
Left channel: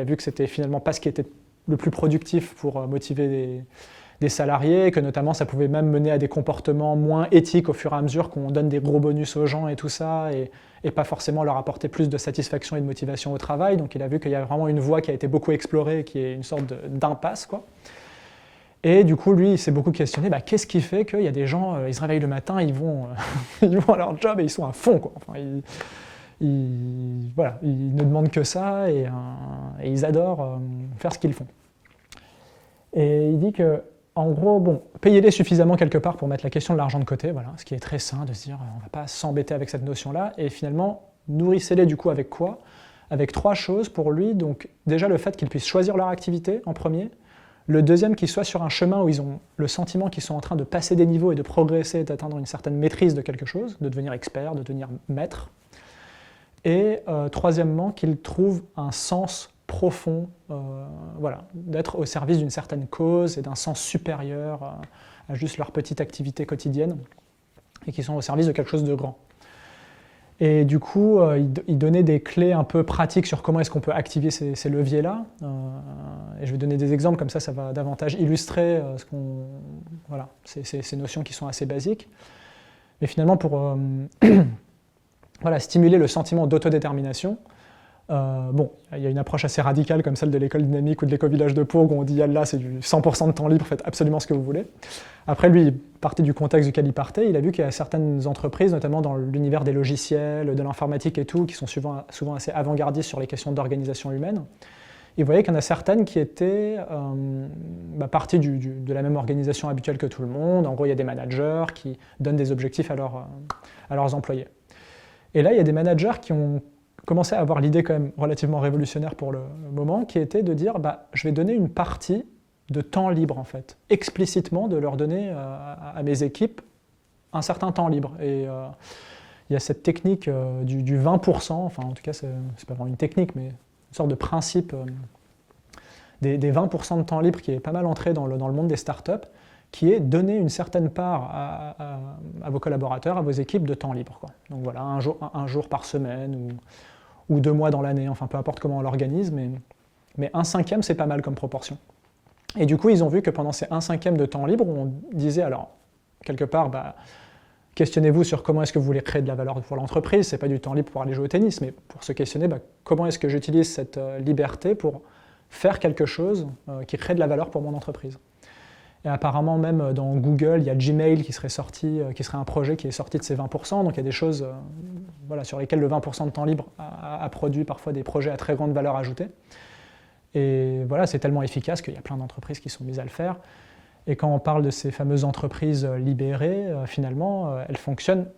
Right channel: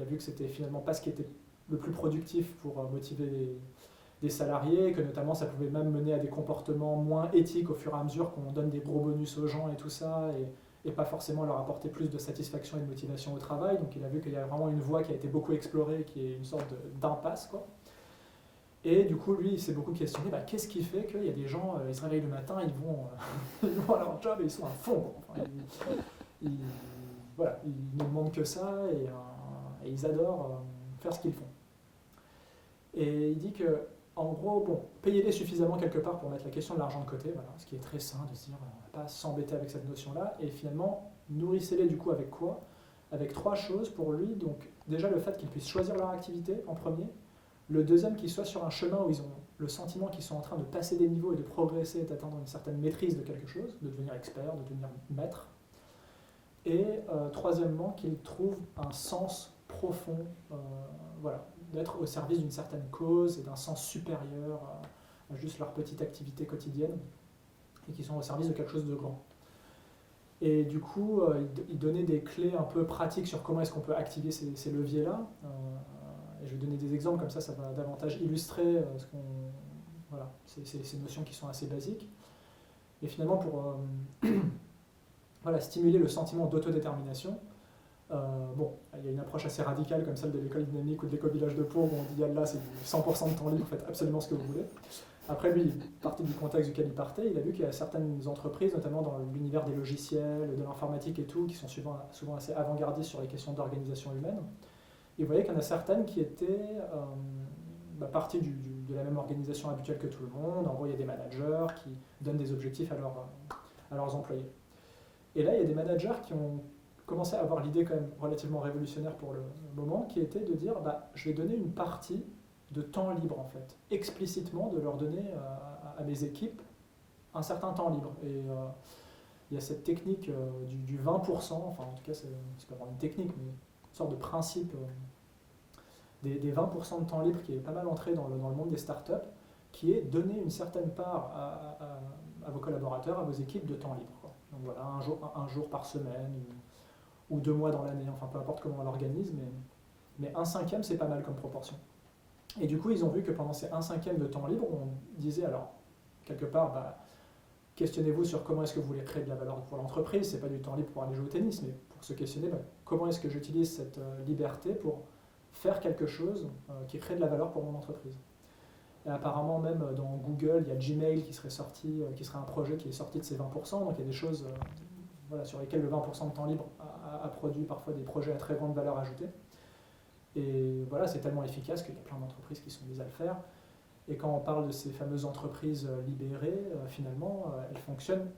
a vu que c'était finalement pas ce qui était le plus productif pour motiver des salariés, que notamment ça pouvait même mener à des comportements moins éthiques au fur et à mesure qu'on donne des gros bonus aux gens et tout ça, et pas forcément leur apporter plus de satisfaction et de motivation au travail. Donc il a vu qu'il y a vraiment une voie qui a été beaucoup explorée, qui est une sorte d'impasse, quoi. Et du coup, lui, il s'est beaucoup questionné, qu'est-ce qui fait qu'il y a des gens, ils se réveillent le matin, ils vont à leur job et ils sont à fond, quoi. Enfin, ils ne demandent que ça et ils adorent faire ce qu'ils font. Et il dit que, en gros, payez-les suffisamment quelque part pour mettre la question de l'argent de côté, voilà, ce qui est très sain de se dire, on ne va pas s'embêter avec cette notion-là, et finalement, nourrissez-les du coup avec quoi ? Avec 3 choses pour lui. Donc déjà le fait qu'ils puissent choisir leur activité en premier. Le deuxième, qu'ils soient sur un chemin où ils ont le sentiment qu'ils sont en train de passer des niveaux et de progresser, d'atteindre une certaine maîtrise de quelque chose, de devenir expert, de devenir maître. Et troisièmement, qu'ils trouvent un sens profond, d'être au service d'une certaine cause et d'un sens supérieur à juste leur petite activité quotidienne, et qui sont au service de quelque chose de grand. Et du coup, il donnait des clés un peu pratiques sur comment est-ce qu'on peut activer ces leviers-là. Et je vais donner des exemples, comme ça va davantage illustrer ces notions qui sont assez basiques. Mais finalement, pour stimuler le sentiment d'autodétermination, il y a une approche assez radicale comme celle de l'école dynamique ou de l'éco-village de Pau, où on dit là, c'est du 100% de temps libre, faites absolument ce que vous voulez. Après, lui, il partait du contexte duquel il partait. Il a vu qu'il y a certaines entreprises, notamment dans l'univers des logiciels, de l'informatique et tout, qui sont souvent assez avant-gardistes sur les questions d'organisation humaine. Il voyait qu'il y en a certaines qui étaient parties de la même organisation habituelle que tout le monde. En gros, il y a des managers qui donnent des objectifs à leurs employés. Et là, il y a des managers qui ont commencé à avoir l'idée quand même relativement révolutionnaire pour le moment, qui était de dire je vais donner une partie de temps libre, en fait, explicitement de leur donner à mes équipes un certain temps libre. Et il y a cette technique du 20%, enfin en tout cas c'est pas vraiment une technique, mais une sorte de principe des 20% de temps libre qui est pas mal entré dans le monde des startups, qui est donner une certaine part à vos collaborateurs, à vos équipes de temps libre, quoi. Donc voilà, un jour par semaine ou 2 mois dans l'année, enfin peu importe comment on l'organise, mais 1/5, c'est pas mal comme proportion. Et du coup, ils ont vu que pendant ces 1/5 de temps libre, on disait alors, quelque part, questionnez-vous sur comment est-ce que vous voulez créer de la valeur pour l'entreprise. Ce n'est pas du temps libre pour aller jouer au tennis, mais pour se questionner comment est-ce que j'utilise cette liberté pour faire quelque chose qui crée de la valeur pour mon entreprise. Et apparemment, même dans Google, il y a Gmail qui serait un projet qui est sorti de ces 20%. Donc il y a des choses sur lesquelles le 20% de temps libre a produit parfois des projets à très grande valeur ajoutée. Et voilà, c'est tellement efficace qu'il y a plein d'entreprises qui sont mises à le faire. Et quand on parle de ces fameuses entreprises libérées, finalement, elles fonctionnent,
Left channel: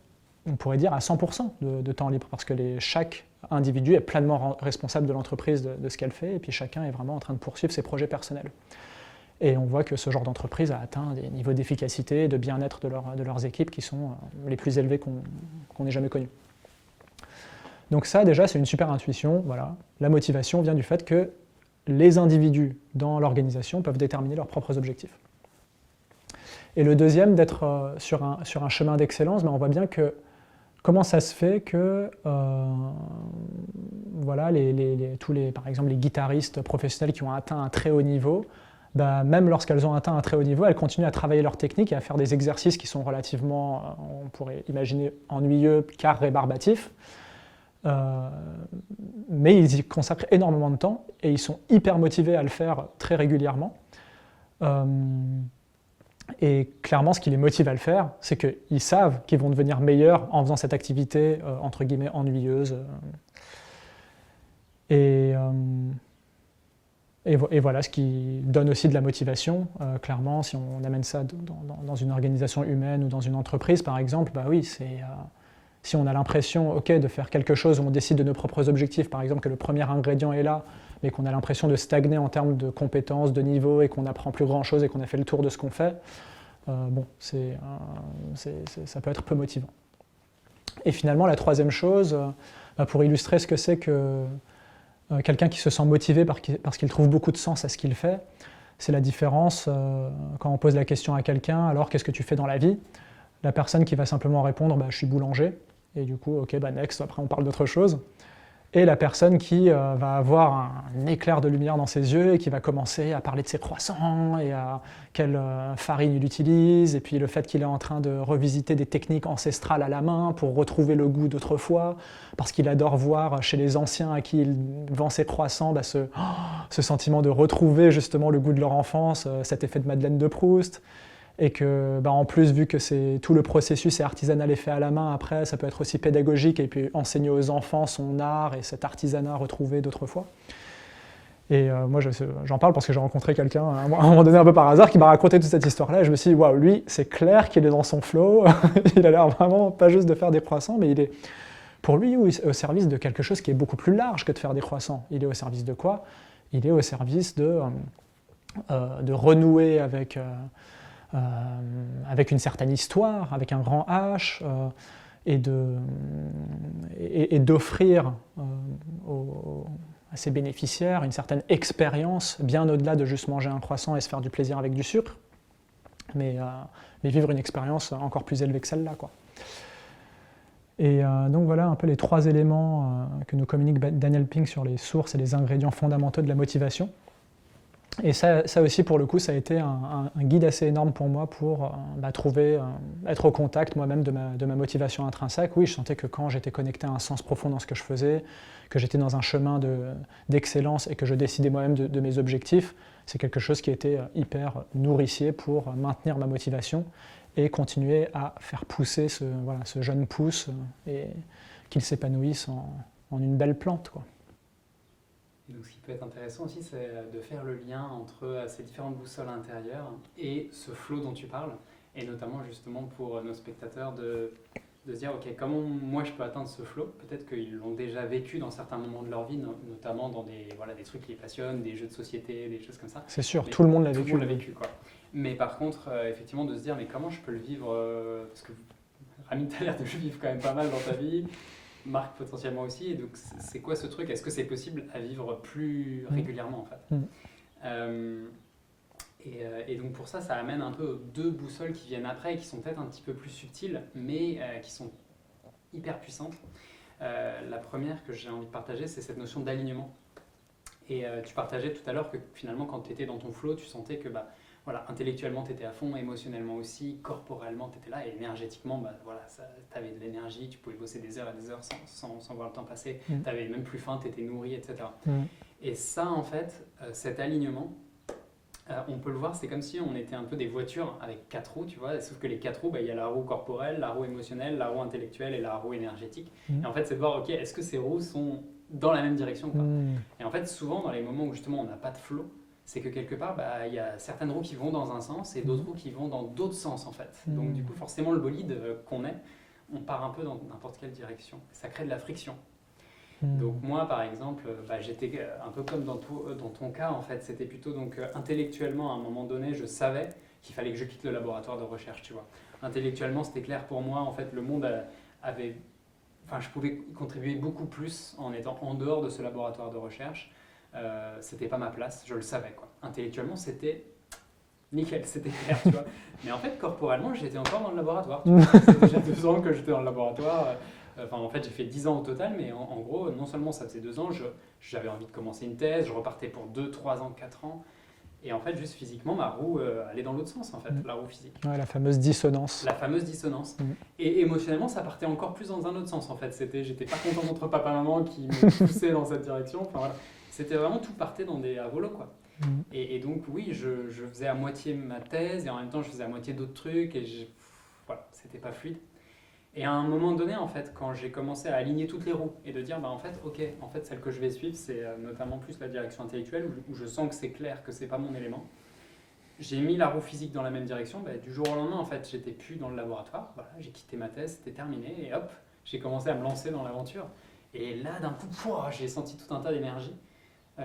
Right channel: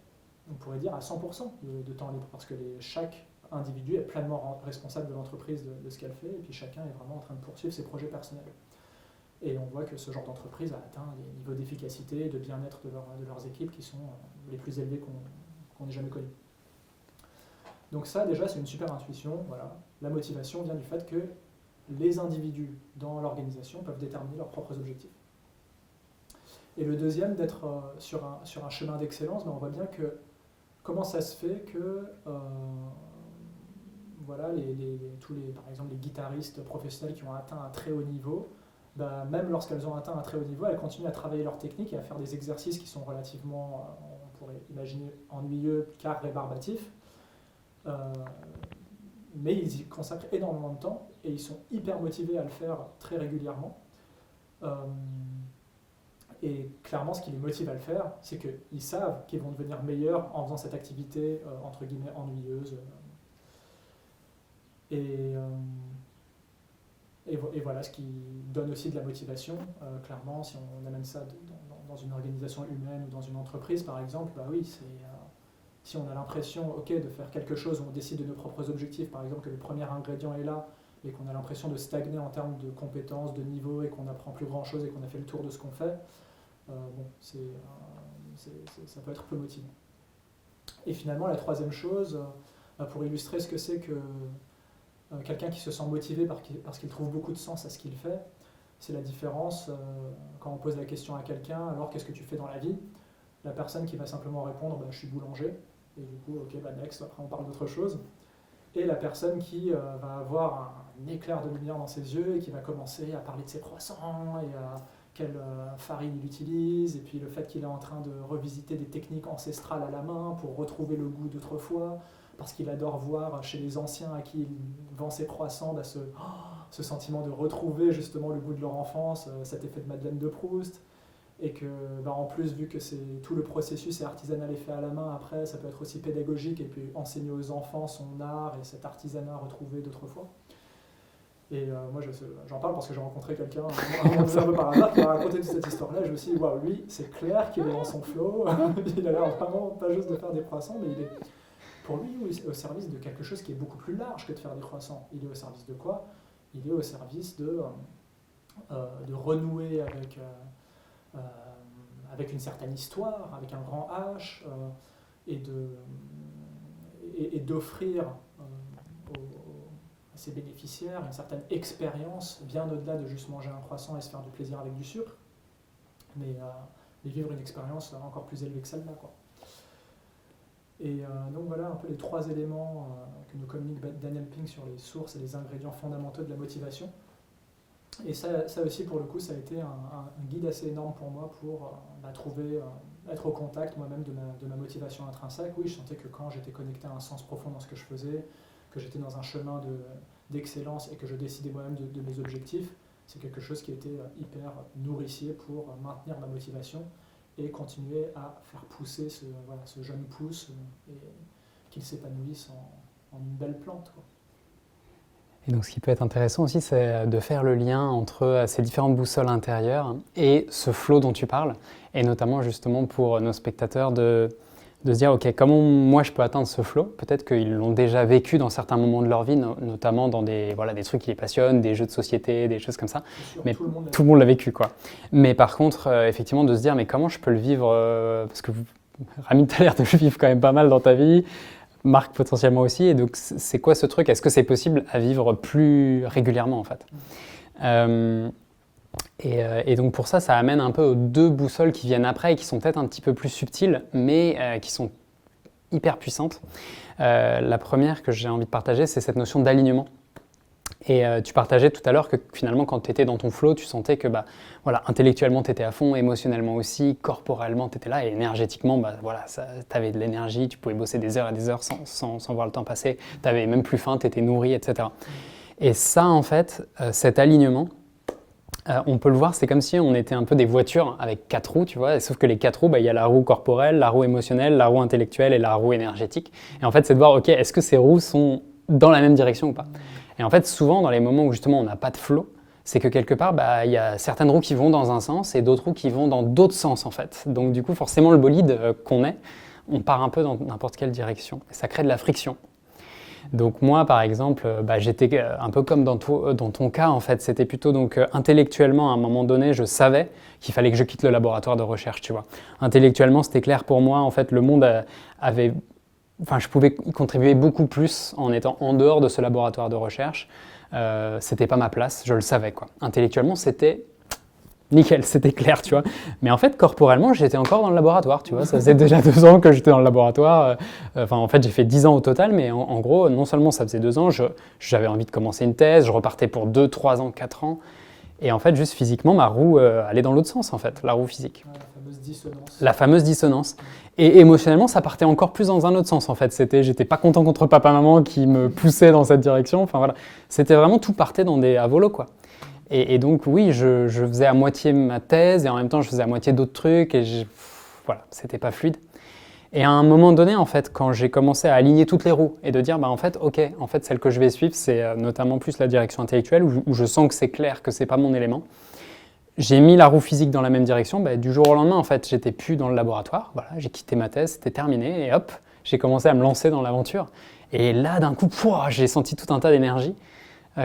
on pourrait dire, à 100% de temps libre, parce que chaque individu est pleinement responsable de l'entreprise, de ce qu'elle fait, et puis chacun est vraiment en train de poursuivre ses projets personnels. Et on voit que ce genre d'entreprise a atteint des niveaux d'efficacité et de bien-être de leurs équipes qui sont les plus élevés qu'on ait jamais connus. Donc ça, déjà, c'est une super intuition. Voilà. La motivation vient du fait que les individus dans l'organisation peuvent déterminer leurs propres objectifs. Et le deuxième, d'être sur un chemin d'excellence, on voit bien que comment ça se fait que voilà, par exemple, les guitaristes professionnels qui ont atteint un très haut niveau, même lorsqu'elles ont atteint un très haut niveau, elles continuent à travailler leur technique et à faire des exercices qui sont relativement, on pourrait imaginer, ennuyeux, car rébarbatifs. Mais ils y consacrent énormément de temps et ils sont hyper motivés à le faire très régulièrement. Et clairement, ce qui les motive à le faire, c'est qu'ils savent qu'ils vont devenir meilleurs en faisant cette activité, entre guillemets, ennuyeuse. Et voilà, ce qui donne aussi de la motivation. Clairement, si on amène ça dans une organisation humaine ou dans une entreprise, par exemple, oui, si on a l'impression de faire quelque chose où on décide de nos propres objectifs, par exemple que le premier ingrédient est là, mais qu'on a l'impression de stagner en termes de compétences, de niveau, et qu'on n'apprend plus grand-chose et qu'on a fait le tour de ce qu'on fait, ça peut être peu motivant. Et finalement, la troisième chose, pour illustrer ce que c'est que quelqu'un qui se sent motivé parce qu'il trouve beaucoup de sens à ce qu'il fait, c'est la différence quand on pose la question à quelqu'un, alors qu'est-ce que tu fais dans la vie ? La personne qui va simplement répondre, je suis boulanger, et du coup, next, après on parle d'autre chose. Et la personne qui va avoir un éclair de lumière dans ses yeux et qui va commencer à parler de ses croissants et à quelle farine il utilise, et puis le fait qu'il est en train de revisiter des techniques ancestrales à la main pour retrouver le goût d'autrefois, parce qu'il adore voir chez les anciens à qui il vend ses croissants ce sentiment de retrouver justement le goût de leur enfance, cet effet de Madeleine de Proust. Et que, en plus, vu que tout le processus est artisanal et fait à la main, après, ça peut être aussi pédagogique et puis enseigner aux enfants son art et cet artisanat retrouvé d'autrefois. Et moi, j'en parle parce que j'ai rencontré quelqu'un à un moment donné un peu par hasard qui m'a raconté toute cette histoire-là. Et je me suis dit, waouh, lui, c'est clair qu'il est dans son flow. Il a l'air vraiment pas juste de faire des croissants, mais il est, pour lui, au service de quelque chose qui est beaucoup plus large que de faire des croissants. Il est au service de quoi ? Il est au service de renouer avec une certaine histoire, avec un grand H, et d'offrir à ses bénéficiaires une certaine expérience, bien au-delà de juste manger un croissant et se faire du plaisir avec du sucre, mais vivre une expérience encore plus élevée que celle-là, quoi. Et donc voilà un peu les trois éléments que nous communique Daniel Pink sur les sources et les ingrédients fondamentaux de la motivation. Et ça aussi, pour le coup, ça a été un guide assez énorme pour moi pour être au contact moi-même de ma motivation intrinsèque. Oui, je sentais que quand j'étais connecté à un sens profond dans ce que je faisais, que j'étais dans un chemin d'excellence et que je décidais moi-même de mes objectifs, c'est quelque chose qui était hyper nourricier pour maintenir ma motivation et continuer à faire pousser ce jeune pouce et qu'il s'épanouisse en une belle plante, quoi. Et donc ce qui peut être intéressant aussi, c'est de faire le lien entre ces différentes boussoles intérieures et ce flow dont tu parles, et notamment justement pour nos spectateurs de se dire, ok, comment moi je peux atteindre ce flow ? Peut-être qu'ils l'ont déjà vécu dans certains moments de leur vie, notamment dans des trucs qui les passionnent, des jeux de société, des choses comme ça. C'est sûr, mais tout le monde l'a vécu, quoi. Mais par contre, effectivement, de se dire, mais comment je peux le vivre parce que Rami, tu as l'air de le vivre quand même pas mal dans ta vie, Marc potentiellement aussi, et donc c'est quoi ce truc ? Est-ce que c'est possible à vivre plus régulièrement en fait ? Et donc pour ça amène un peu aux deux boussoles qui viennent après et qui sont peut-être un petit peu plus subtiles, mais qui sont hyper puissantes. La première que j'ai envie de partager, c'est cette notion d'alignement. Et tu partageais tout à l'heure que finalement quand tu étais dans ton flow, tu sentais que intellectuellement tu étais à fond, émotionnellement aussi, corporellement tu étais là et énergétiquement tu avais de l'énergie, tu pouvais bosser des heures et des heures sans voir le temps passer, tu n'avais même plus faim, tu étais nourri, etc. Et ça en fait, cet alignement, on peut le voir, c'est comme si on était un peu des voitures avec 4 roues, tu vois, sauf que les 4 roues, il y a la roue corporelle, la roue émotionnelle, la roue intellectuelle et la roue énergétique. Et en fait, c'est de voir, ok, est-ce que ces roues sont dans la même direction ou pas ? Et en fait, souvent, dans les moments où justement on n'a pas de flow, c'est que quelque part, il y a certaines roues qui vont dans un sens et d'autres roues qui vont dans d'autres sens en fait. Donc du coup, forcément, le bolide qu'on est, on part un peu dans n'importe quelle direction. Et ça crée de la friction. Donc moi, par exemple, j'étais un peu comme dans ton cas, en fait. C'était plutôt donc intellectuellement, à un moment donné, je savais qu'il fallait que je quitte le laboratoire de recherche, tu vois. Intellectuellement, c'était clair pour moi. En fait, le monde avait... Enfin, je pouvais y contribuer beaucoup plus en étant en dehors de ce laboratoire de recherche. C'était pas ma place, je le savais, quoi. Intellectuellement, c'était nickel, c'était clair, tu vois. Mais en fait, corporellement, j'étais encore dans le laboratoire, tu vois. Ça faisait déjà 2 ans que j'étais dans le laboratoire. Enfin, en fait, j'ai fait 10 ans au total, mais en gros, non seulement ça faisait 2 ans, j'avais envie de commencer une thèse, je repartais pour 2, 3 ans, 4 ans. Et en fait, juste physiquement, ma roue allait dans l'autre sens, en fait, la roue physique. Ouais, la fameuse dissonance. La fameuse dissonance. Et émotionnellement, ça partait encore plus dans un autre sens, en fait. J'étais pas content contre papa-maman qui me poussait dans cette direction. Enfin, voilà. C'était vraiment tout partait à volo, quoi. Et donc, oui, je faisais à moitié ma thèse et en même temps, je faisais à moitié d'autres trucs et voilà, c'était pas fluide. Et à un moment donné, en fait, quand j'ai commencé à aligner toutes les roues et de dire, en fait, ok, en fait, celle que je vais suivre, c'est notamment plus la direction intellectuelle où je sens que c'est clair que c'est pas mon élément. J'ai mis la roue physique dans la même direction. Du jour au lendemain, en fait, j'étais plus dans le laboratoire. Voilà, j'ai quitté ma thèse, c'était terminé et hop, j'ai commencé à me lancer dans l'aventure. Et là, d'un coup, j'ai senti tout un tas d'énergie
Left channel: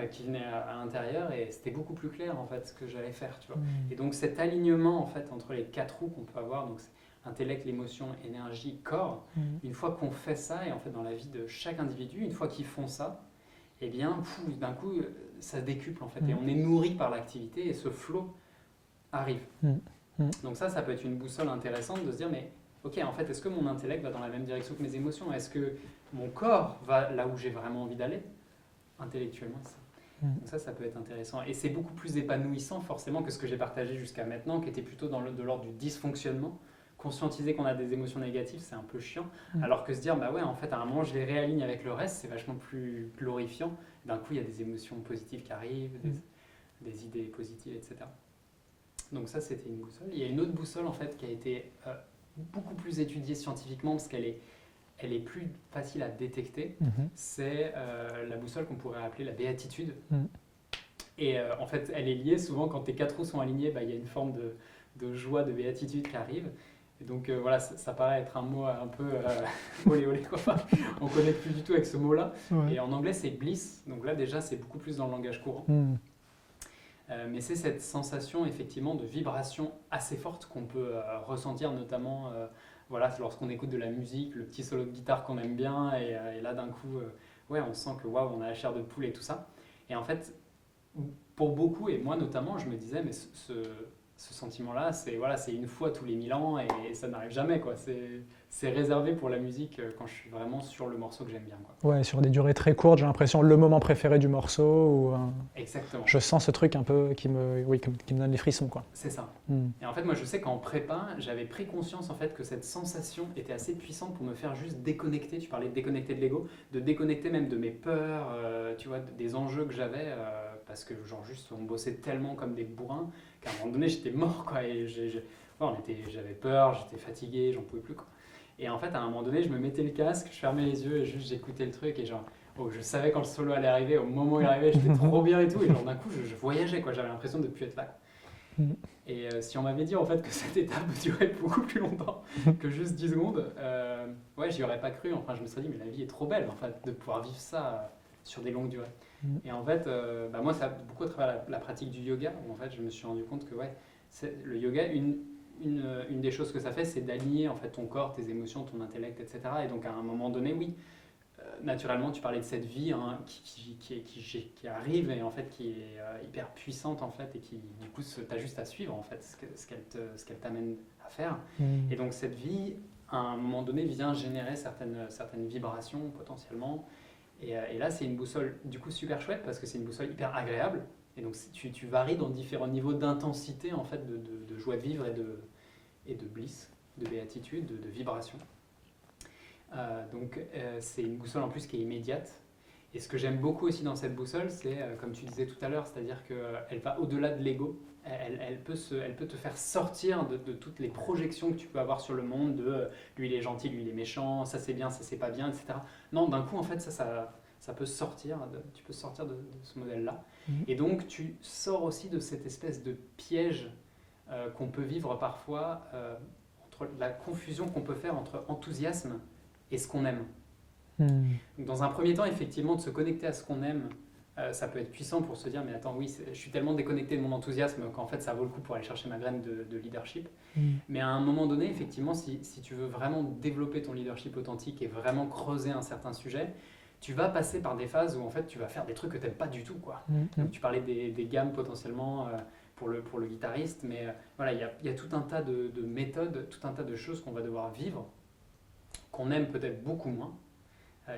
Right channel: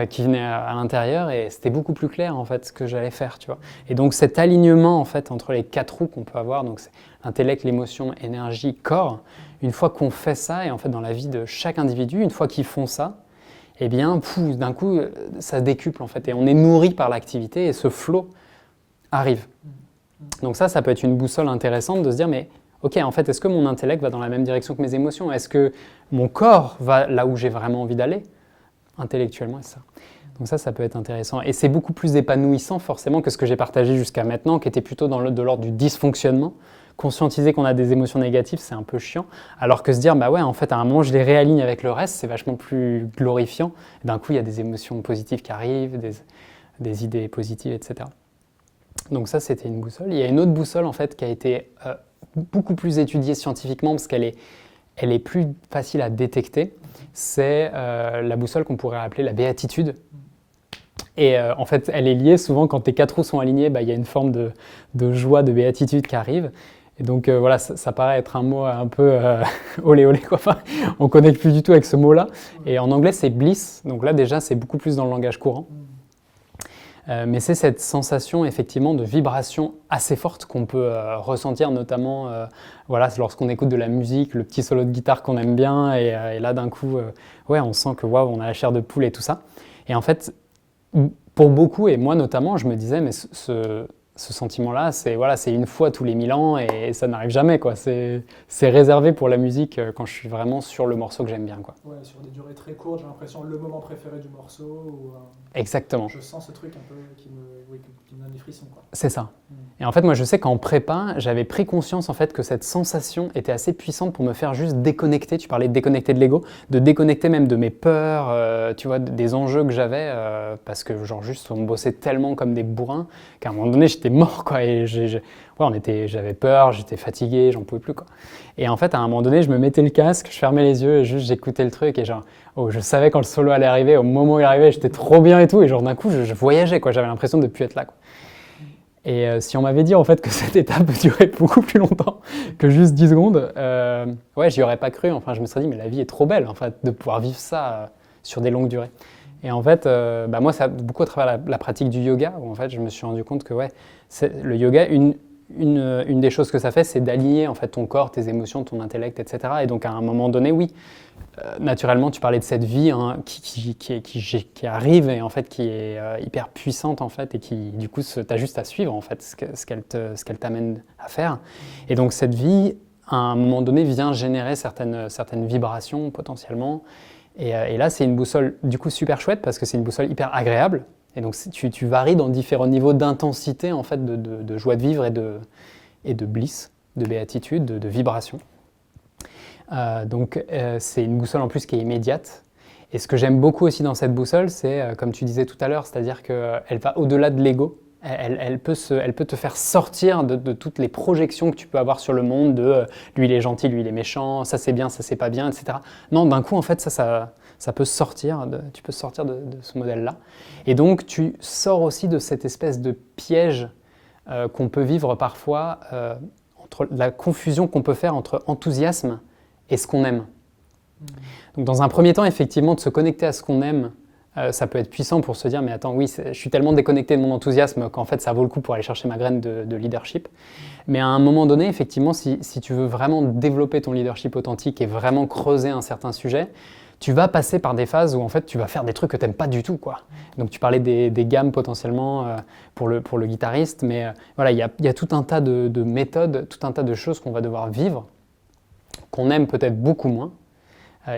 qui venait à l'intérieur et c'était beaucoup plus clair en fait ce que j'allais faire, tu vois. Et donc cet alignement en fait entre les 4 roues qu'on peut avoir, donc c'est intellect, l'émotion, énergie, corps. Une fois qu'on fait ça et en fait dans la vie de chaque individu, une fois qu'ils font ça, eh bien d'un coup ça se décuple en fait et on est nourri par l'activité et ce flow arrive. Donc ça peut être une boussole intéressante de se dire mais ok, en fait, est-ce que mon intellect va dans la même direction que mes émotions? Est-ce que mon corps va là où j'ai vraiment envie d'aller? Intellectuellement, c'est ça. Donc ça peut être intéressant. Et c'est beaucoup plus épanouissant forcément que ce que j'ai partagé jusqu'à maintenant, qui était plutôt de l'ordre du dysfonctionnement. Conscientiser qu'on a des émotions négatives, c'est un peu chiant. Alors que se dire, en fait, à un moment, je les réaligne avec le reste, c'est vachement plus glorifiant. D'un coup, il y a des émotions positives qui arrivent, des idées positives, etc. Donc ça, c'était une boussole. Il y a une autre boussole, en fait, qui a été beaucoup plus étudiée scientifiquement, parce qu'elle est plus facile à détecter, c'est la boussole qu'on pourrait appeler la béatitude. Et en fait, elle est liée souvent quand tes 4 roues sont alignées, il y a une forme de joie, de béatitude qui arrive. Et donc voilà, ça paraît être un mot un peu olé olé, quoi. Enfin, on ne connecte plus du tout avec ce mot-là. Et en anglais, c'est bliss. Donc là, déjà, c'est beaucoup plus dans le langage courant. Mais c'est cette sensation effectivement de vibration assez forte qu'on peut ressentir notamment lorsqu'on écoute de la musique, le petit solo de guitare qu'on aime bien et là d'un coup on sent que on a la chair de poule et tout ça. Et en fait pour beaucoup et moi notamment je me disais mais ce sentiment-là, c'est une fois tous les 1000 ans et ça n'arrive jamais, quoi. C'est réservé pour la musique quand je suis vraiment sur le morceau que j'aime bien, quoi. Ouais, sur des durées très courtes, j'ai l'impression le moment préféré du morceau. Exactement. Je sens ce truc un peu qui me donne des frissons, quoi. C'est ça. Et en fait, moi, je sais qu'en prépa, j'avais pris conscience en fait que cette sensation était assez puissante pour me faire juste déconnecter. Tu parlais de déconnecter de l'ego, de déconnecter même de mes peurs, tu vois, des enjeux que j'avais, parce que juste on bossait tellement comme des bourrins qu'à un moment donné, j'étais mort, quoi. Et j'avais peur, j'étais fatigué, j'en pouvais plus, quoi. Et en fait, à un moment donné, je me mettais le casque, je fermais les yeux et juste j'écoutais le truc et je savais quand le solo allait arriver, au moment où il arrivait, j'étais trop bien et tout. Et d'un coup, je voyageais, quoi. J'avais l'impression de ne plus être là, quoi. Et si on m'avait dit en fait que cette étape durait beaucoup plus longtemps que juste 10 secondes, j'y aurais pas cru. Enfin, je me serais dit, mais la vie est trop belle, en fait, de pouvoir vivre ça sur des longues durées. Et en fait, moi, ça beaucoup à travers la pratique du yoga, où en fait, je me suis rendu compte que le yoga, une des choses que ça fait, c'est d'aligner en fait ton corps, tes émotions, ton intellect, etc. Et donc à un moment donné, naturellement, tu parlais de cette vie qui arrive et en fait qui est hyper puissante en fait et qui du coup t'as juste à suivre en fait ce qu'elle t'amène à faire. Et donc cette vie, à un moment donné, vient générer certaines vibrations potentiellement. Et là, c'est une boussole du coup super chouette parce que c'est une boussole hyper agréable. Et donc tu varies dans différents niveaux d'intensité en fait de joie de vivre et de bliss, de béatitude, de vibration. Donc c'est une boussole en plus qui est immédiate. Et ce que j'aime beaucoup aussi dans cette boussole, c'est comme tu disais tout à l'heure, c'est-à-dire qu'elle va au-delà de l'ego. Elle peut te faire sortir de toutes les projections que tu peux avoir sur le monde, de lui il est gentil, lui il est méchant, ça c'est bien, ça c'est pas bien, etc. Non, d'un coup en fait ça peut sortir, tu peux sortir de ce modèle-là. Et donc tu sors aussi de cette espèce de piège qu'on peut vivre parfois, entre la confusion qu'on peut faire entre enthousiasme et ce qu'on aime. Donc dans un premier temps, effectivement, de se connecter à ce qu'on aime, ça peut être puissant pour se dire, mais attends, oui, je suis tellement déconnecté de mon enthousiasme qu'en fait, ça vaut le coup pour aller chercher ma graine de leadership. Mais à un moment donné, effectivement, si tu veux vraiment développer ton leadership authentique et vraiment creuser un certain sujet, tu vas passer par des phases où en fait, tu vas faire des trucs que tu n'aimes pas du tout, quoi. Donc tu parlais des gammes potentiellement pour le guitariste, mais voilà, il y a tout un tas de méthodes, tout un tas de choses qu'on va devoir vivre, qu'on aime peut-être beaucoup moins.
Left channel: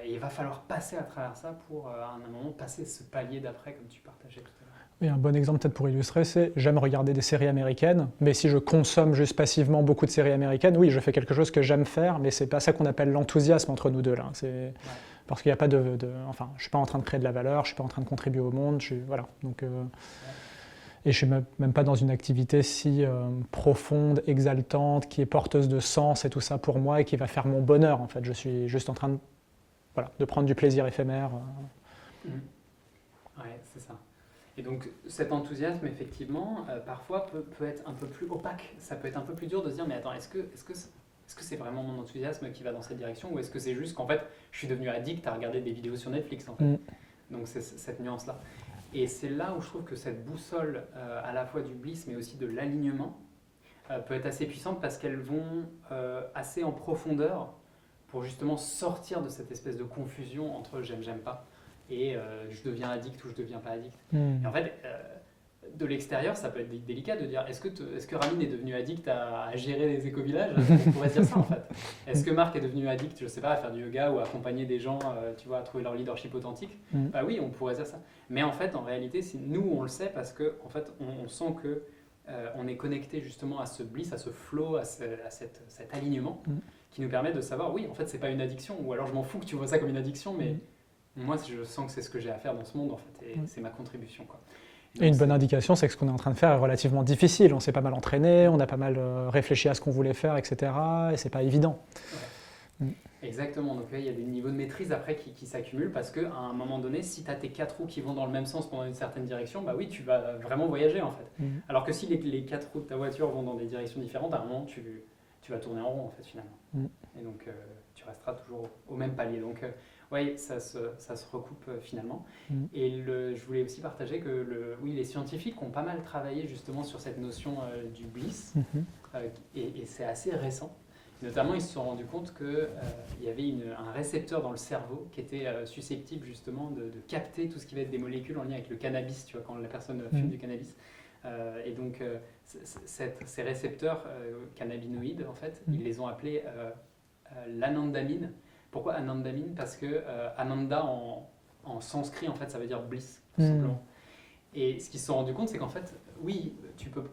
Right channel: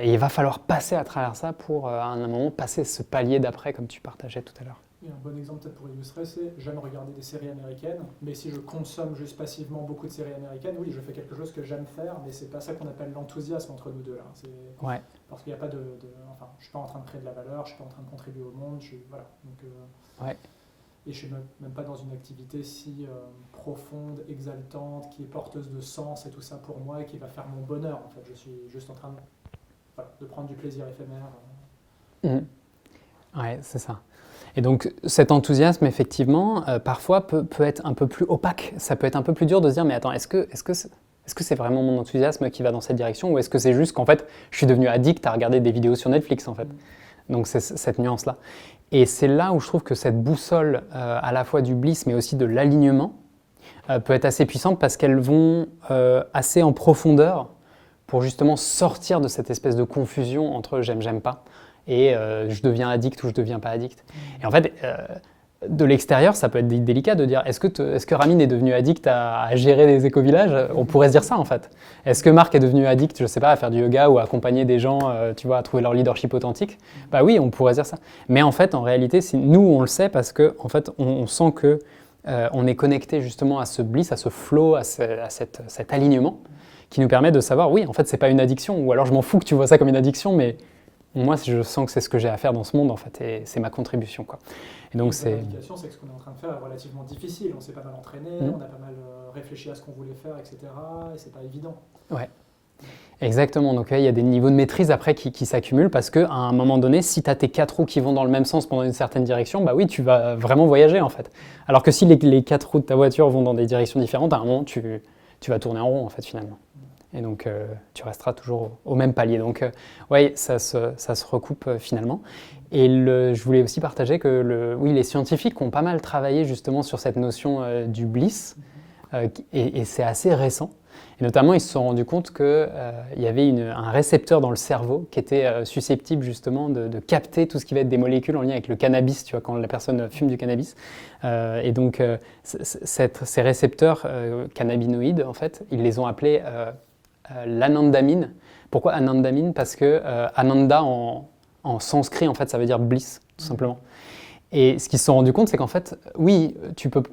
Et il va falloir passer à travers ça pour, à un moment, passer ce palier d'après, comme tu partageais tout à l'heure. Et un bon exemple peut-être pour illustrer, c'est j'aime regarder des séries américaines, mais si je consomme juste passivement beaucoup de séries américaines, oui, je fais quelque chose que j'aime faire, mais c'est pas ça qu'on appelle l'enthousiasme entre nous deux là. Ouais. Parce qu'il n'y a pas enfin, je suis pas en train de créer de la valeur, je suis pas en train de contribuer au monde, voilà. Donc, Ouais. et je suis même pas dans une activité si profonde, exaltante, qui est porteuse de sens et tout ça pour moi et qui va faire mon bonheur en fait. Je suis juste en train de prendre du plaisir éphémère. Ouais, c'est ça. Et donc cet enthousiasme, effectivement, parfois peut être un peu plus opaque. Ça peut être un peu plus dur de se dire, mais attends, est-ce que c'est vraiment mon enthousiasme qui va dans cette direction, ou est-ce que c'est juste qu'en fait, je suis devenu addict à regarder des vidéos sur Netflix, en fait. Donc c'est cette nuance-là. Et c'est là où je trouve que cette boussole, à la fois du bliss, mais aussi de l'alignement, peut être assez puissante parce qu'elles vont assez en profondeur pour justement sortir de cette espèce de confusion entre j'aime pas et je deviens addict ou je deviens pas addict. Et en fait, de l'extérieur, ça peut être délicat de dire est-ce que Ramin est devenu addict à gérer des éco-villages? On pourrait se dire ça en fait. Est-ce que Marc est devenu addict, je sais pas, à faire du yoga ou à accompagner des gens, tu vois, à trouver leur leadership authentique? Bah oui, on pourrait dire ça. Mais en fait, en réalité, nous, on le sait parce que en fait, on sent que on est connecté justement à ce bliss, à ce flow, à cet alignement qui nous permet de savoir, oui, en fait, c'est pas une addiction, ou alors je m'en fous que tu vois ça comme une addiction, mais moi, je sens que c'est ce que j'ai à faire dans ce monde, en fait, et c'est ma contribution, quoi. Et donc, une bonne indication, c'est que ce qu'on est en train de faire est relativement difficile. On s'est pas mal entraîné, on a pas mal réfléchi à ce qu'on voulait faire, etc. Et c'est pas évident. Ouais. Exactement. Donc, il y a des niveaux de maîtrise après qui s'accumulent parce qu'à un moment donné, si tu as tes 4 roues qui vont dans le même sens pendant une certaine direction, bah oui, tu vas vraiment voyager, en fait. Alors que si les 4 roues de ta voiture vont dans des directions différentes, à un moment, tu vas tourner en rond, en fait, finalement. Et donc, tu resteras toujours au même palier. Donc, oui, ça se recoupe finalement. Et je voulais aussi partager que les scientifiques ont pas mal travaillé justement sur cette notion du bliss. Et c'est assez récent. Et notamment, ils se sont rendus compte qu'il y avait un récepteur dans le cerveau qui était susceptible justement de capter tout ce qui va être des molécules en lien avec le cannabis, tu vois, quand la personne fume du cannabis. Et donc, ces récepteurs cannabinoïdes, en fait, ils les ont appelés l'anandamine. Pourquoi anandamine? Parce que ananda en sanskrit, en fait, ça veut dire bliss, tout simplement. Et ce qu'ils se sont rendus compte, c'est qu'en fait, oui,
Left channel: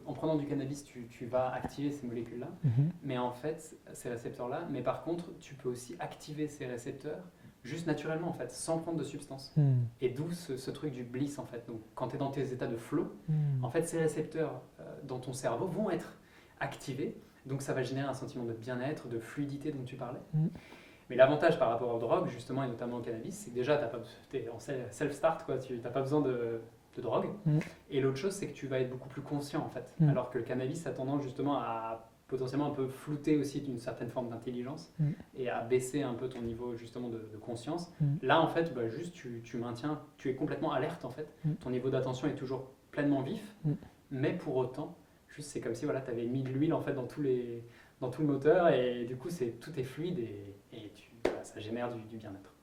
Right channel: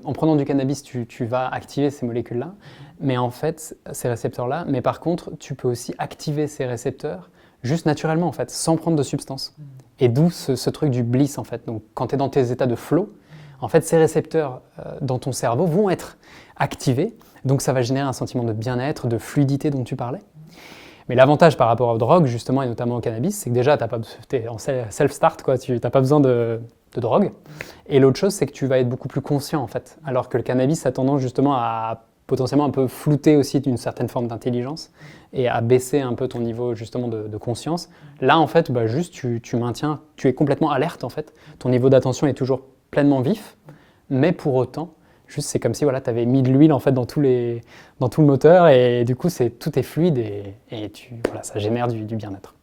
en prenant du cannabis, tu vas activer ces molécules-là, mais en fait, ces récepteurs-là, mais par contre, tu peux aussi activer ces récepteurs juste naturellement, en fait, sans prendre de substance. Et d'où ce truc du bliss, en fait. Donc, quand tu es dans tes états de flow, en fait, ces récepteurs dans ton cerveau vont être activés, donc ça va générer un sentiment de bien-être, de fluidité dont tu parlais. Mais l'avantage par rapport aux drogues, justement, et notamment au cannabis, c'est que déjà, tu es en self-start, quoi, tu n'as pas besoin de drogue. Et l'autre chose, c'est que tu vas être beaucoup plus conscient, en fait. Alors que le cannabis a tendance justement à potentiellement un peu flouter aussi d'une certaine forme d'intelligence et à baisser un peu ton niveau justement de conscience. Là, en fait, bah, juste tu maintiens, tu es complètement alerte, en fait. Ton niveau d'attention est toujours pleinement vif, mais pour autant, juste c'est comme si voilà, tu avais mis de l'huile en fait dans tout le moteur et du coup tout est fluide et voilà, ça génère du bien-être.